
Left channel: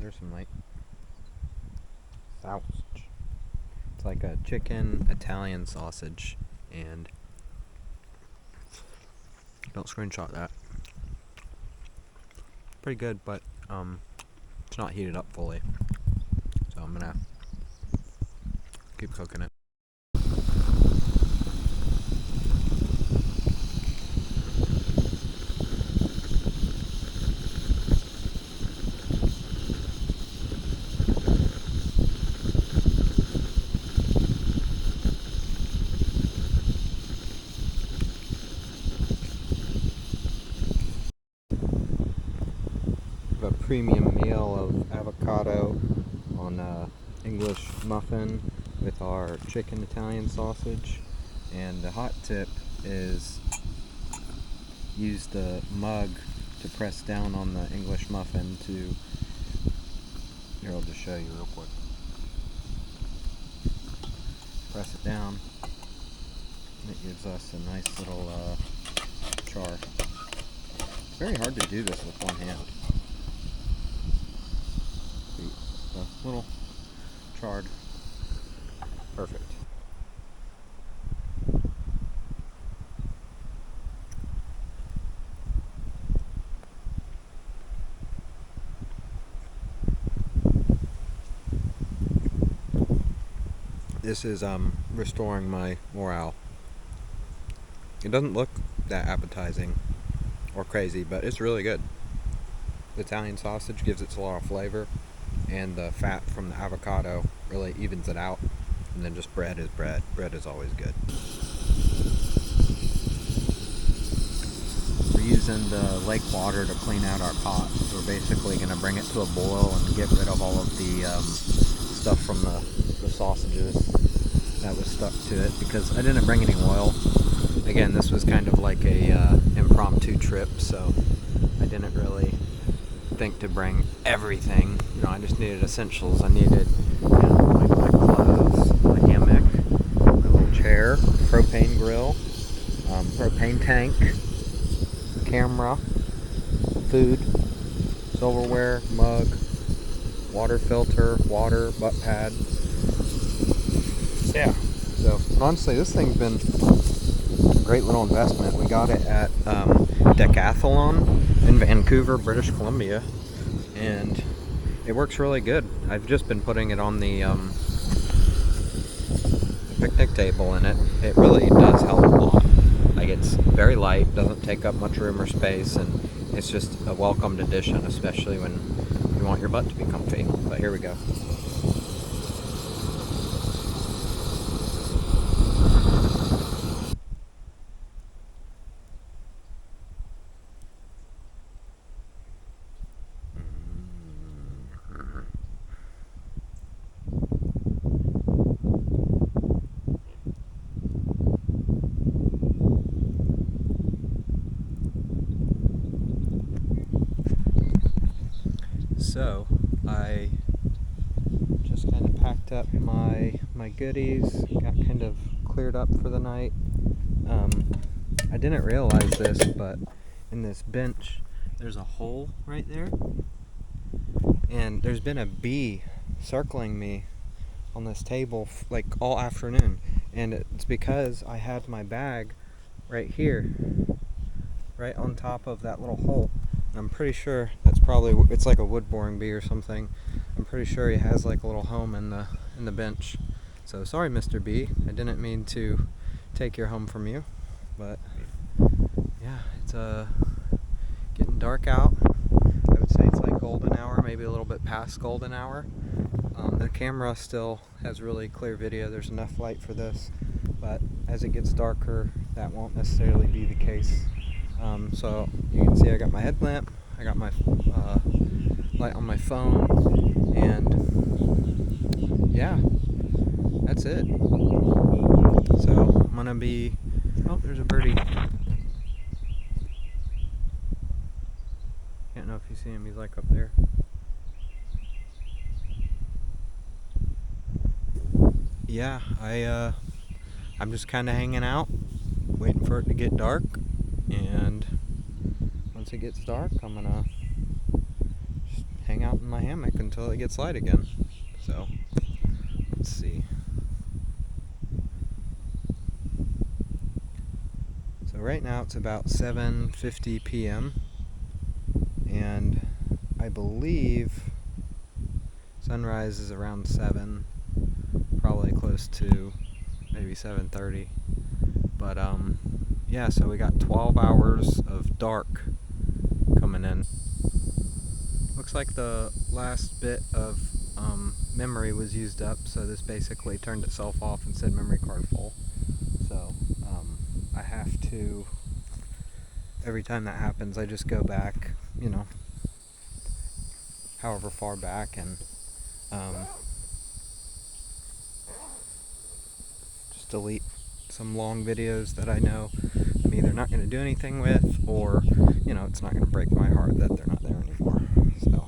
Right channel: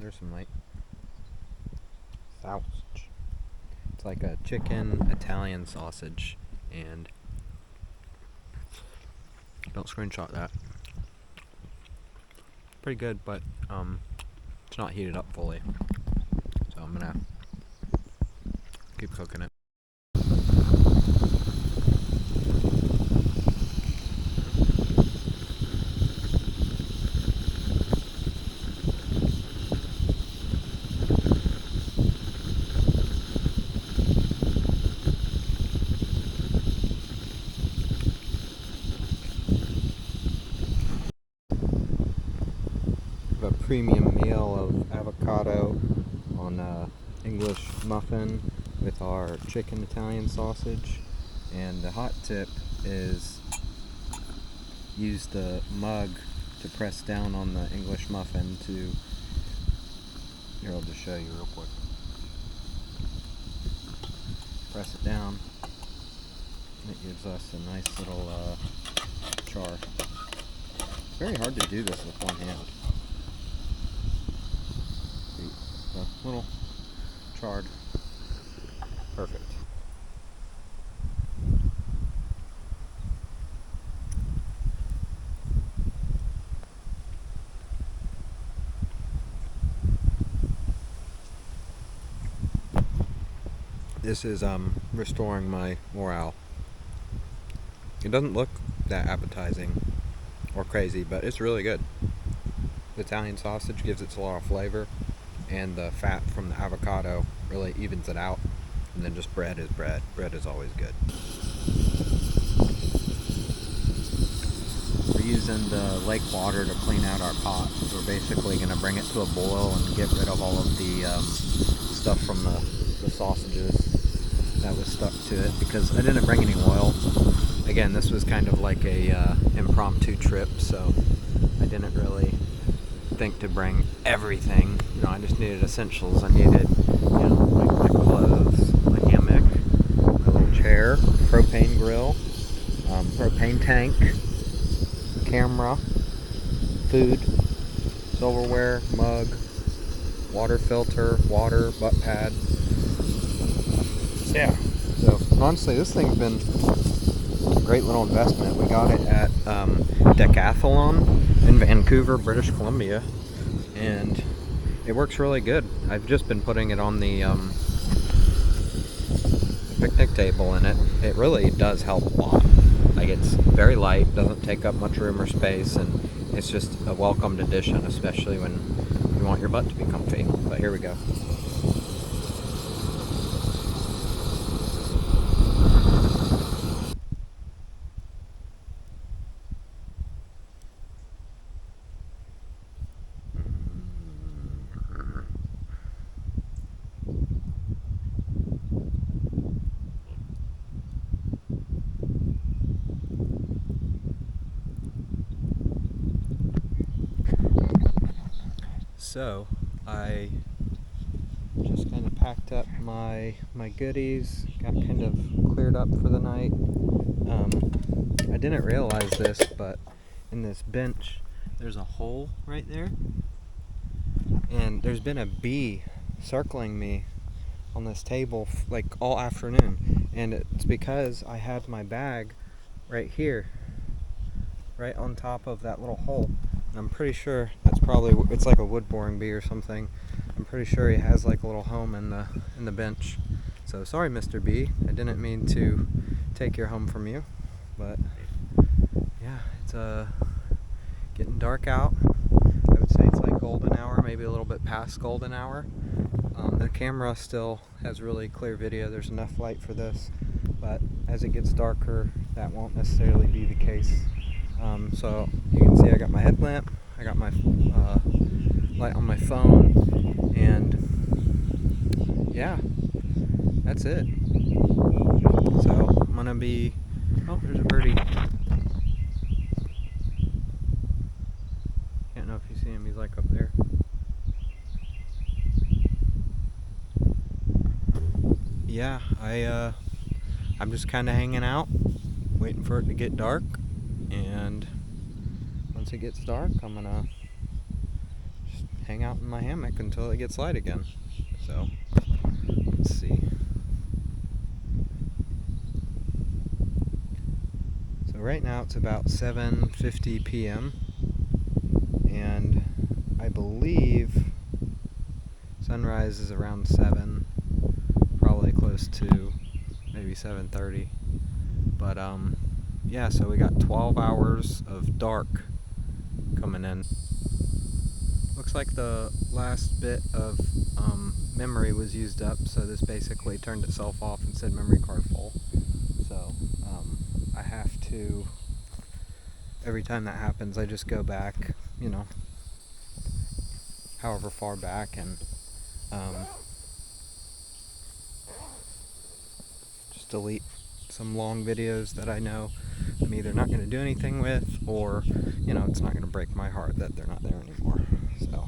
there's some light. Sausage. It's like a chicken Italian sausage, and don't screenshot that. Pretty good, but it's not heated up fully, so I'm gonna keep cooking it. A premium meal of avocado on English muffin with our chicken Italian sausage, and the hot tip is use the mug to press down on the English muffin to, here I'll just show you real quick. Press it down and it gives us a nice little char. It's very hard to do this with one hand. A little charred. Perfect. This is restoring my morale. It doesn't look that appetizing or crazy, but it's really good. The Italian sausage gives it a lot of flavor, and the fat from the avocado really evens it out. And then just bread is bread. Bread is always good. We're using the lake water to clean out our pot. So we're basically going to bring it to a boil and get rid of all of the stuff from the sausages that was stuck to it, because I didn't bring any oil. Again, this was kind of like a impromptu trip, so I didn't really think to bring everything. You know, I just needed essentials. I needed, you know, like my clothes, my hammock, my little chair, propane grill, propane tank, camera, food, silverware, mug, water filter, water, butt pad. Yeah. So honestly, this thing's been a great little investment. We got it at Decathlon in Vancouver, British Columbia, and it works really good. I've just been putting it on the picnic table, and it really does help a lot. Like, it's very light, doesn't take up much room or space, and it's just a welcomed addition, especially when you want your butt to be comfy. But here we go. So I just kind of packed up my goodies, got kind of cleared up for the night. I didn't realize this, but in this bench there's a hole right there, and there's been a bee circling me on this table like all afternoon, and it's because I had my bag right here, right on top of that little hole. I'm pretty sure that's probably, it's like a wood boring bee or something. I'm pretty sure he has like a little home in the bench. So sorry, Mr. B. I didn't mean to take your home from you, but yeah, it's getting dark out. I would say it's like golden hour, maybe a little bit past golden hour. The camera still has really clear video. There's enough light for this, but as it gets darker, that won't necessarily be the case. So you can see I got my headlamp, I got my light on my phone, and yeah, that's it. So I'm gonna be, oh, there's a birdie. Can't know if you see him, he's like up there. Yeah, I'm just kind of hanging out, waiting for it to get dark, and once it gets dark, I'm gonna just hang out in my hammock until it gets light again. So, let's see. So right now it's about 7:50 p.m. and I believe sunrise is around 7, probably close to maybe 7:30. But yeah, so we got 12 hours of dark coming in. Looks like the last bit of memory was used up, so this basically turned itself off and said memory card full. So I have to, every time that happens, I just go back, however far back, and just delete some long videos that I know I'm either not going to do anything with, or it's not going to break my heart that they're not there anymore. So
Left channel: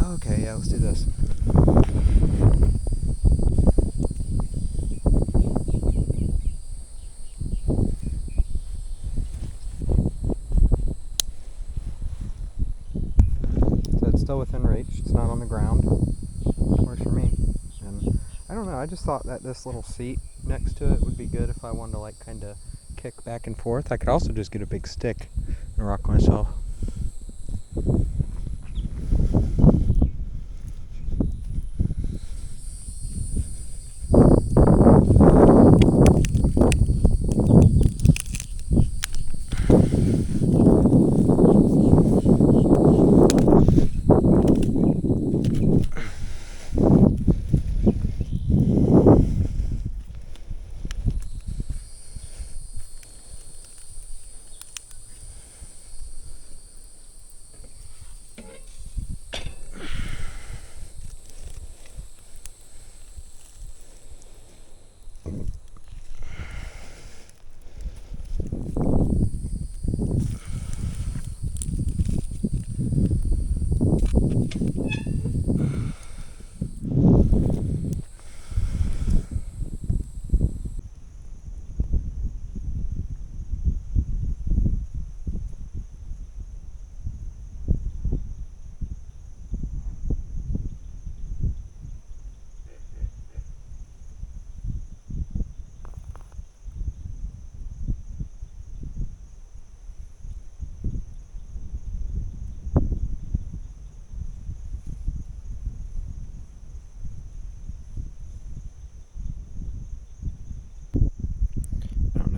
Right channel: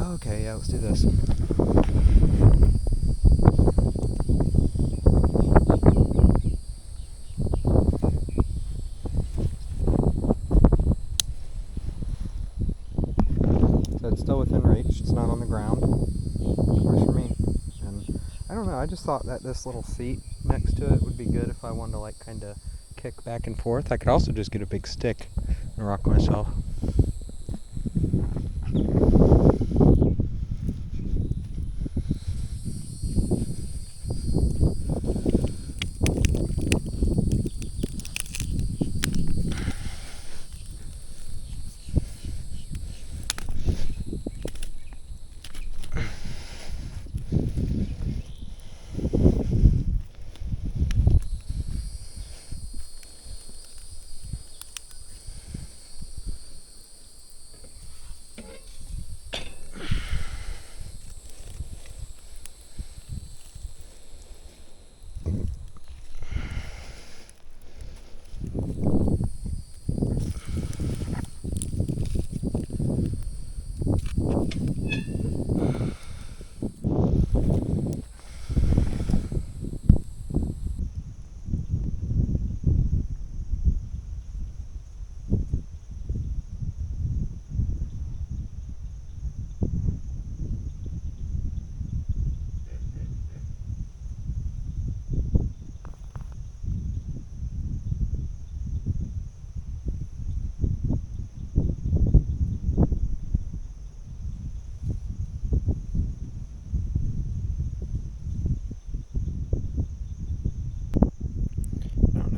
okay, yeah, let's do this. So it's still within reach, it's not on the ground. Works for me. And I don't know, I just thought that this little seat next to it would be good if I wanted to like kind of kick back and forth. I could also just get a big stick and rock myself.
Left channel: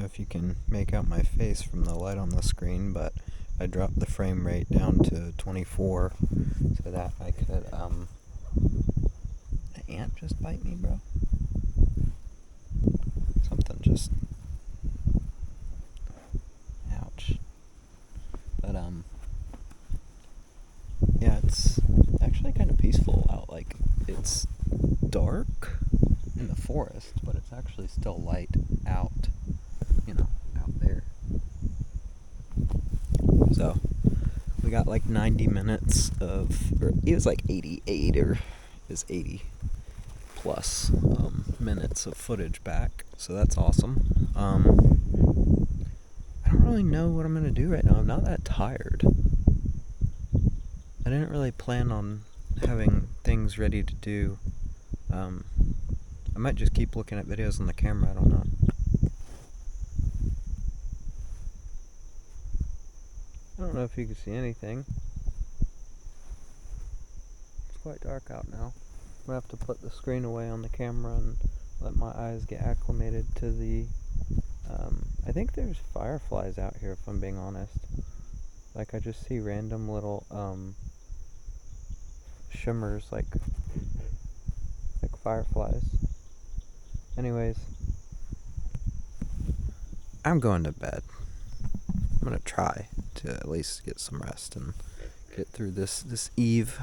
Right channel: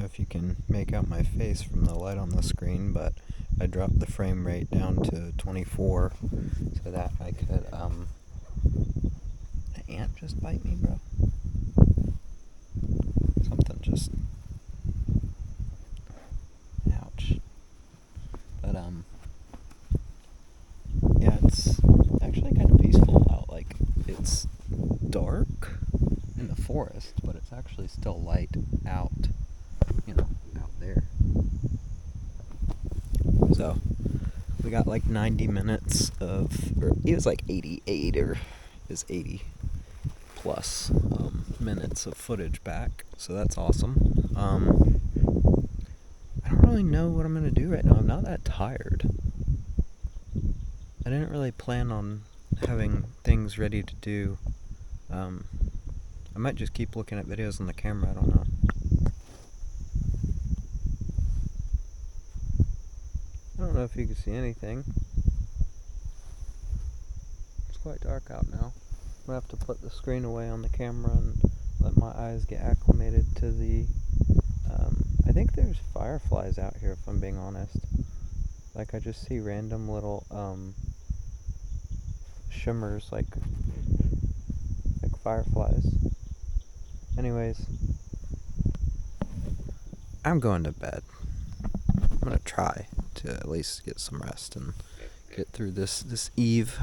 If you can make out my face from the light on the screen, but I dropped the frame rate down to 24 so that I could, an ant just bite me, bro? Something just, ouch. But, yeah, it's actually kind of peaceful out. Like, it's dark in the forest, but it's actually still light out. Out there. So we got like 90 minutes of, or it was like 88, or is 80 plus minutes of footage back. So that's awesome. I don't really know what I'm gonna do right now. I'm not that tired. I didn't really plan on having things ready to do. I might just keep looking at videos on the camera. I don't know. I don't know if you can see anything. It's quite dark out now. I'm gonna have to put the screen away on the camera and let my eyes get acclimated to the, I think there's fireflies out here, if I'm being honest. Like, I just see random little, shimmers, like fireflies. Anyways, I'm going to bed. I'm gonna try to at least get some rest and get through this eve.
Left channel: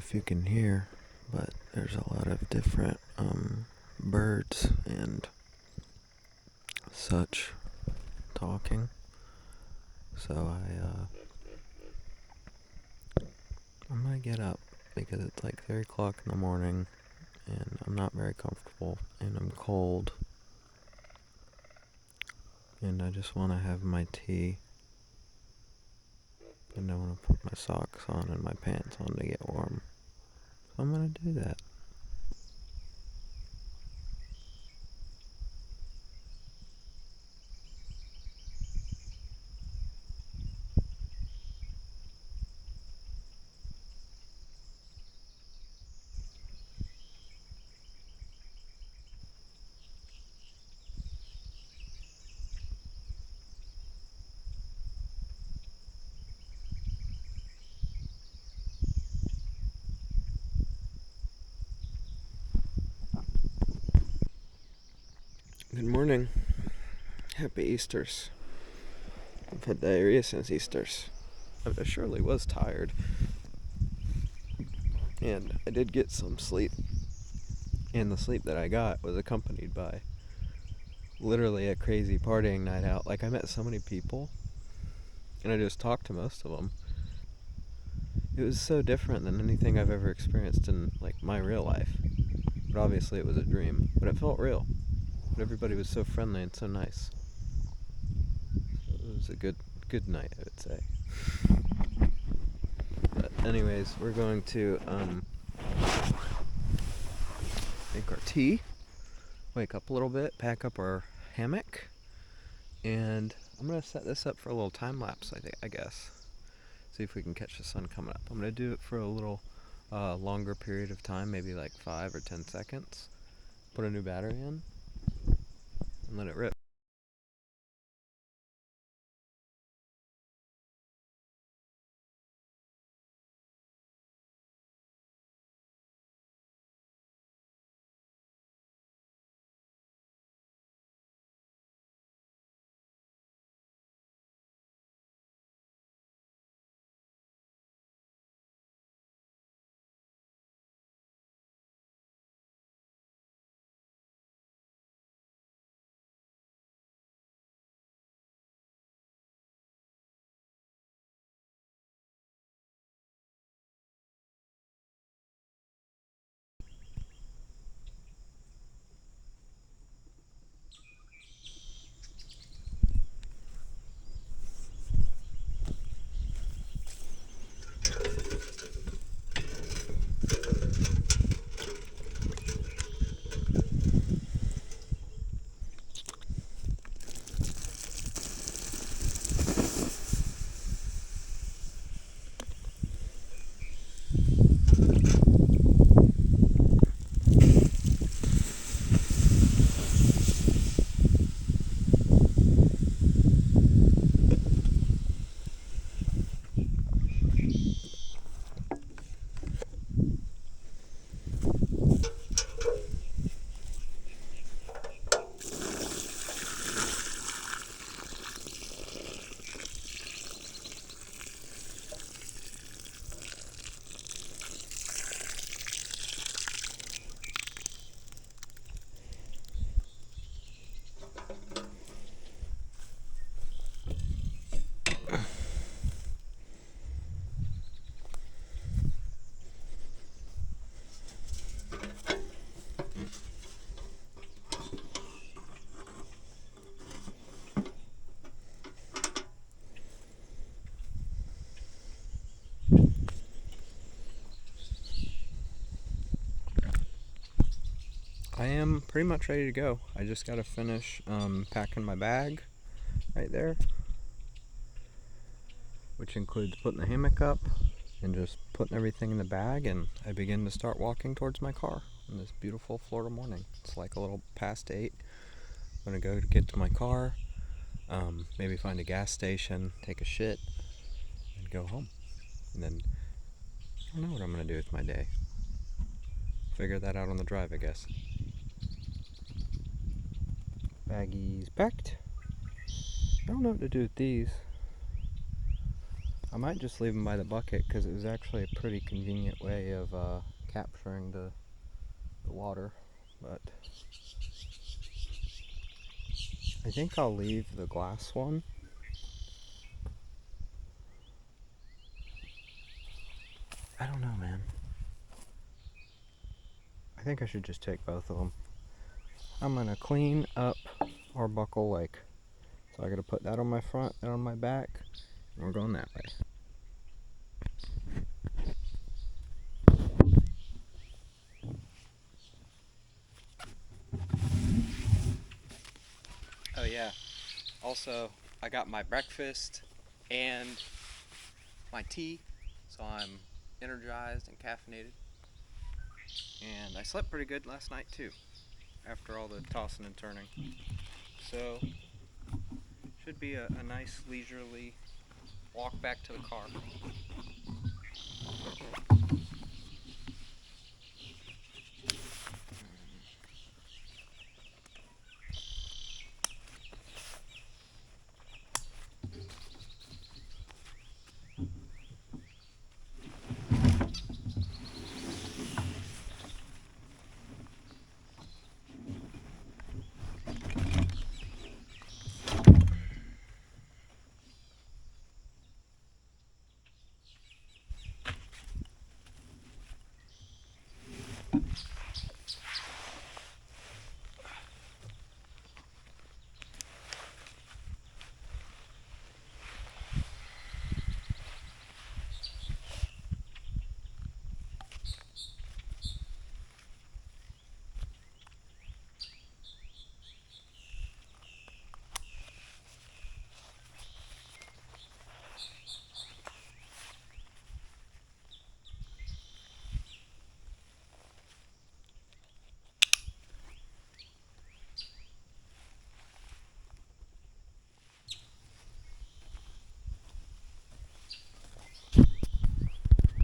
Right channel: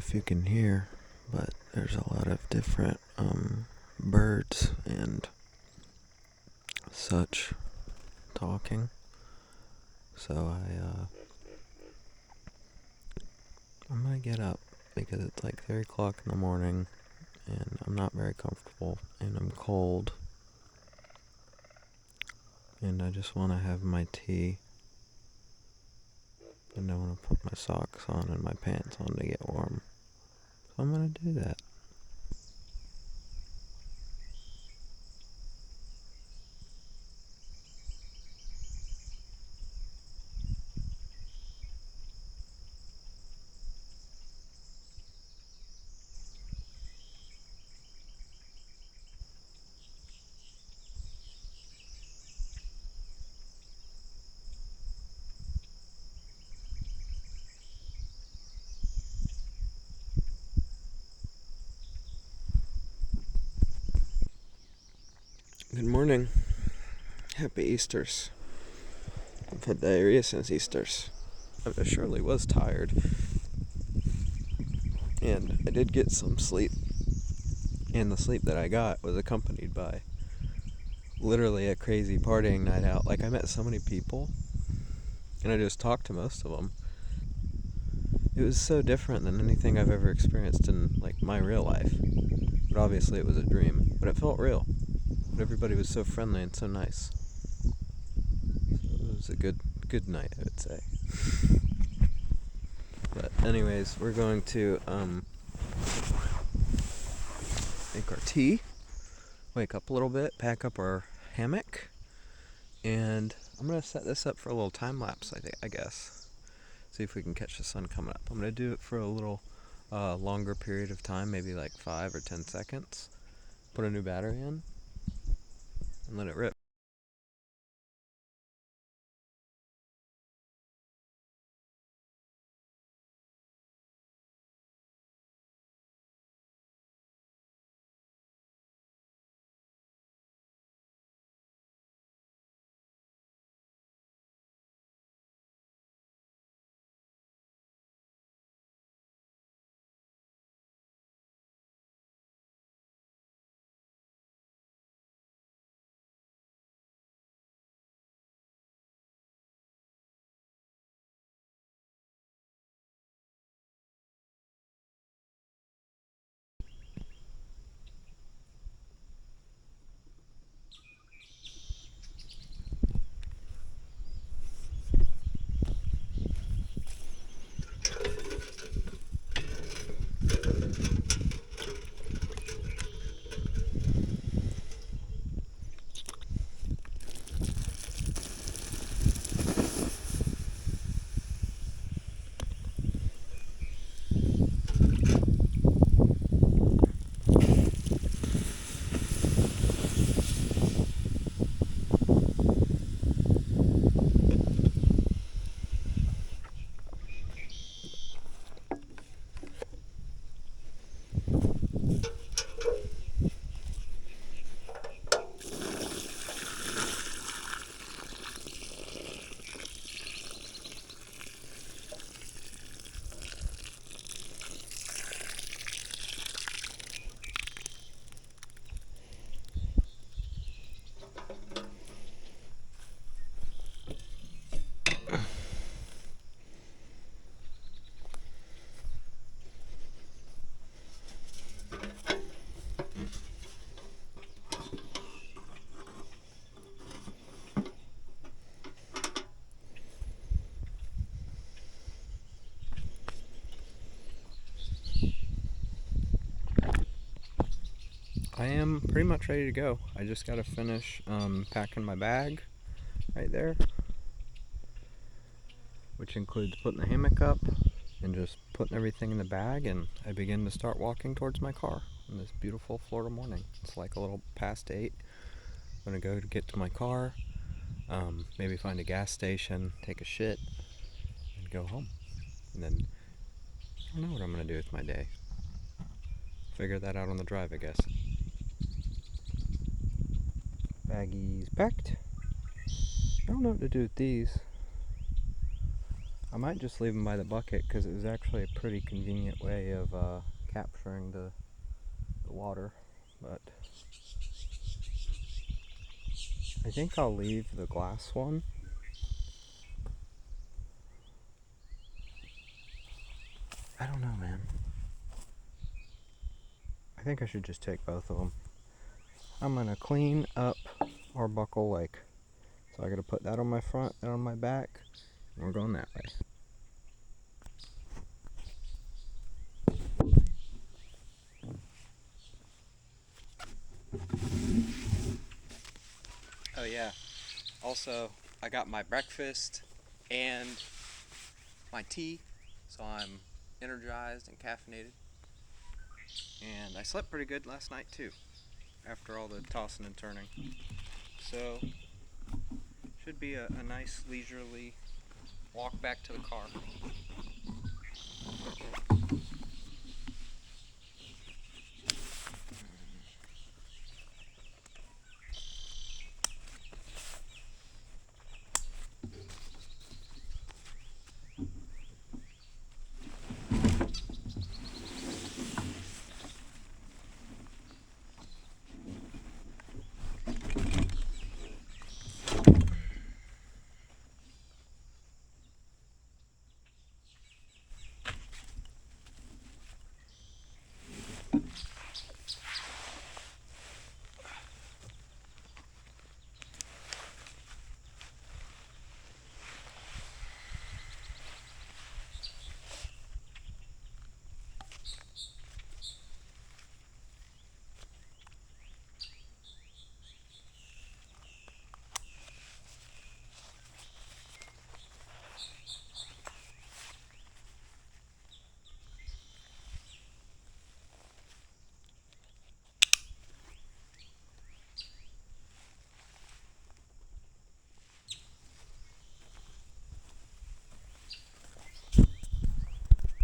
if you can hear, but there's a lot of different birds and such talking. So I'm gonna get up because it's like 3 o'clock in the morning and I'm not very comfortable and I'm cold. And I just want to have my tea. And I want to put my socks on and my pants on to get warm. So I'm going to do that. Good morning. Happy Easters. I've had diarrhea since Easters. I surely was tired. And I did get some sleep. And the sleep that I got was accompanied by literally a crazy partying night out. Like, I met so many people. And I just talked to most of them. It was so different than anything I've ever experienced in, like, my real life. But obviously it was a dream. But it felt real. But everybody was so friendly and so nice. So it was a good night, I would say. But anyways, we're going to make our tea, wake up a little bit, pack up our hammock, and I'm gonna set this up for a little time lapse. I guess. See if we can catch the sun coming up. I'm gonna do it for a little longer period of time, maybe like 5 or 10 seconds. Put a new battery in and let it rip. I am pretty much ready to go. I just gotta finish packing my bag right there, which includes putting the hammock up and just putting everything in the bag, and I begin to start walking towards my car on this beautiful Florida morning. It's like a little past 8. I'm gonna go to get to my car, maybe find a gas station, take a shit, and go home. And then I don't know what I'm gonna do with my day. Figure that out on the drive, I guess. Baggies packed. I don't know what to do with these. I might just leave them by the bucket because it was actually a pretty convenient way of capturing the water, but I think I'll leave the glass one. I don't know, man. I think I should just take both of them. I'm gonna clean up Arbuckle Lake. So I gotta put that on my front and on my back, and we're going that way. Oh yeah, also I got my breakfast and my tea, so I'm energized and caffeinated. And I slept pretty good last night too, after all the tossing and turning. So, should be a nice leisurely walk back to the car.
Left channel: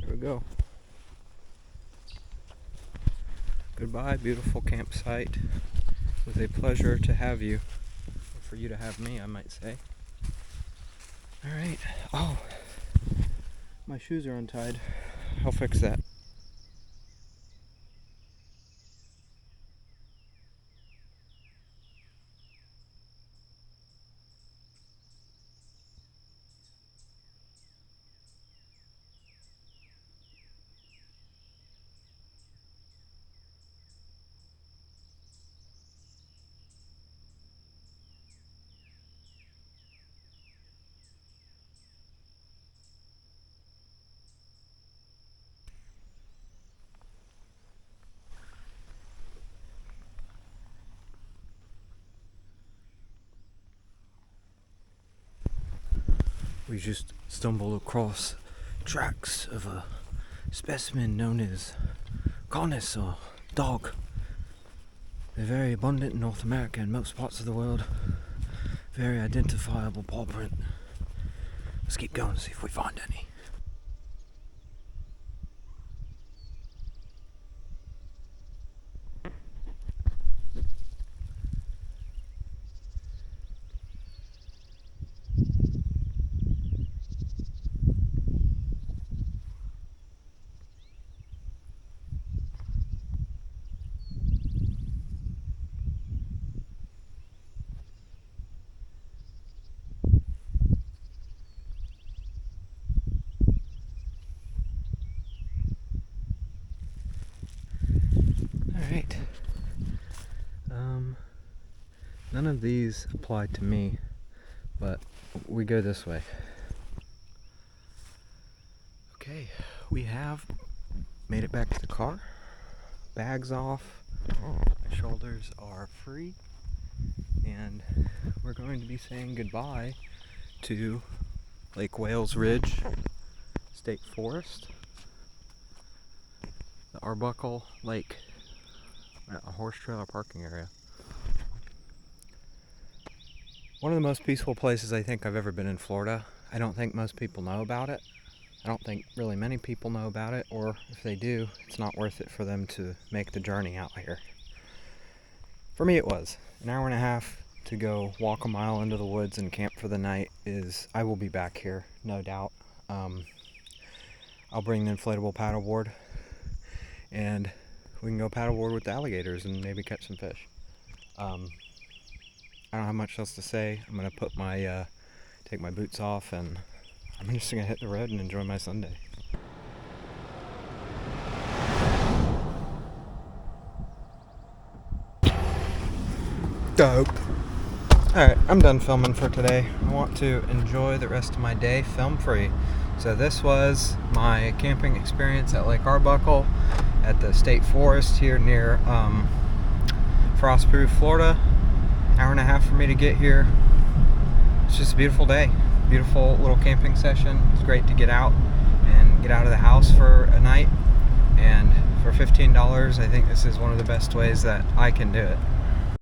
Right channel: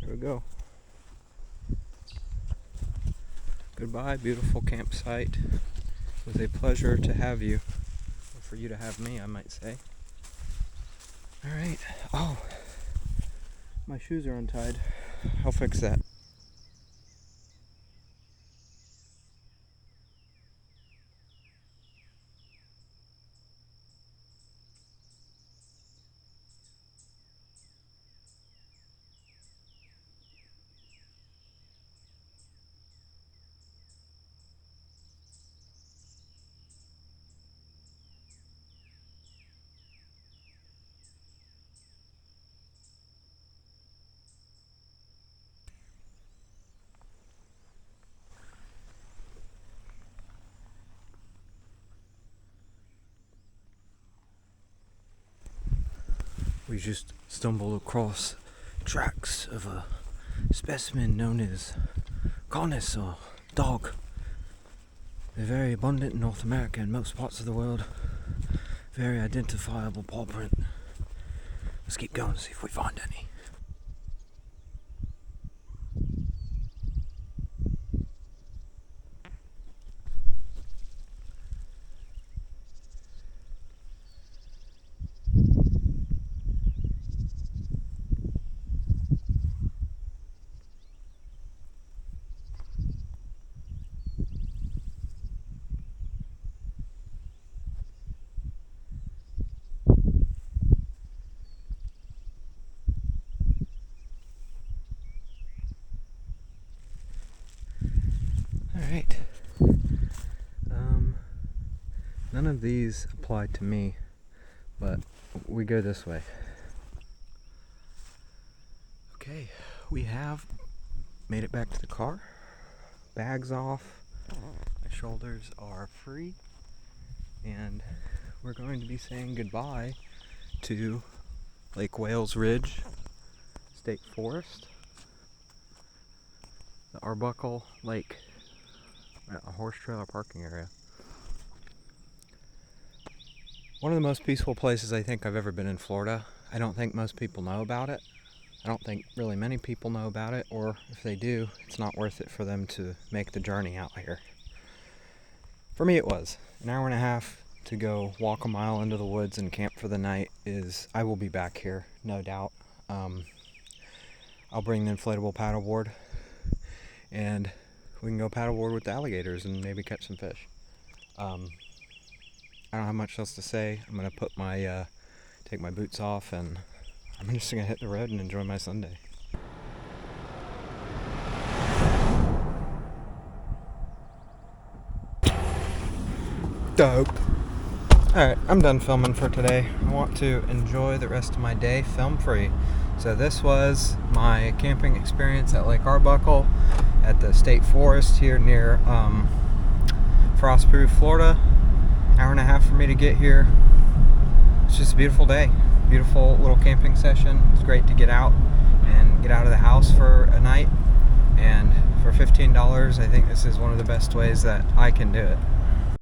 There we go. Goodbye, beautiful campsite. It was a pleasure to have you, or for you to have me, I might say. Alright. Oh, my shoes are untied. I'll fix that. We just stumbled across tracks of a specimen known as Canis or dog. They're very abundant in North America and most parts of the world. Very identifiable paw print. Let's keep going and see if we find any. Alright. None of these apply to me, but we go this way. Okay, we have made it back to the car. Bags off. My shoulders are free. And we're going to be saying goodbye to Lake Wales Ridge State Forest, the Arbuckle Lake, a horse trailer parking area. One of the most peaceful places I think I've ever been in Florida. I don't think most people know about it. I don't think really many people know about it, or if they do, it's not worth it for them to make the journey out here. For me it was. An hour and a half to go walk a mile into the woods and camp for the night I will be back here, no doubt. I'll bring the inflatable paddleboard, and we can go paddleboard with the alligators and maybe catch some fish. I don't have much else to say. I'm gonna put my take my boots off, and I'm just gonna hit the road and enjoy my Sunday. Dope. Alright, I'm done filming for today. I want to enjoy the rest of my day film free. So this was my camping experience at Lake Arbuckle at the state forest here near Frostproof, Florida. Hour and a half for me to get here. It's just a beautiful day. Beautiful little camping session. It's great to get out and get out of the house for a night. And for $15, I think this is one of the best ways that I can do it.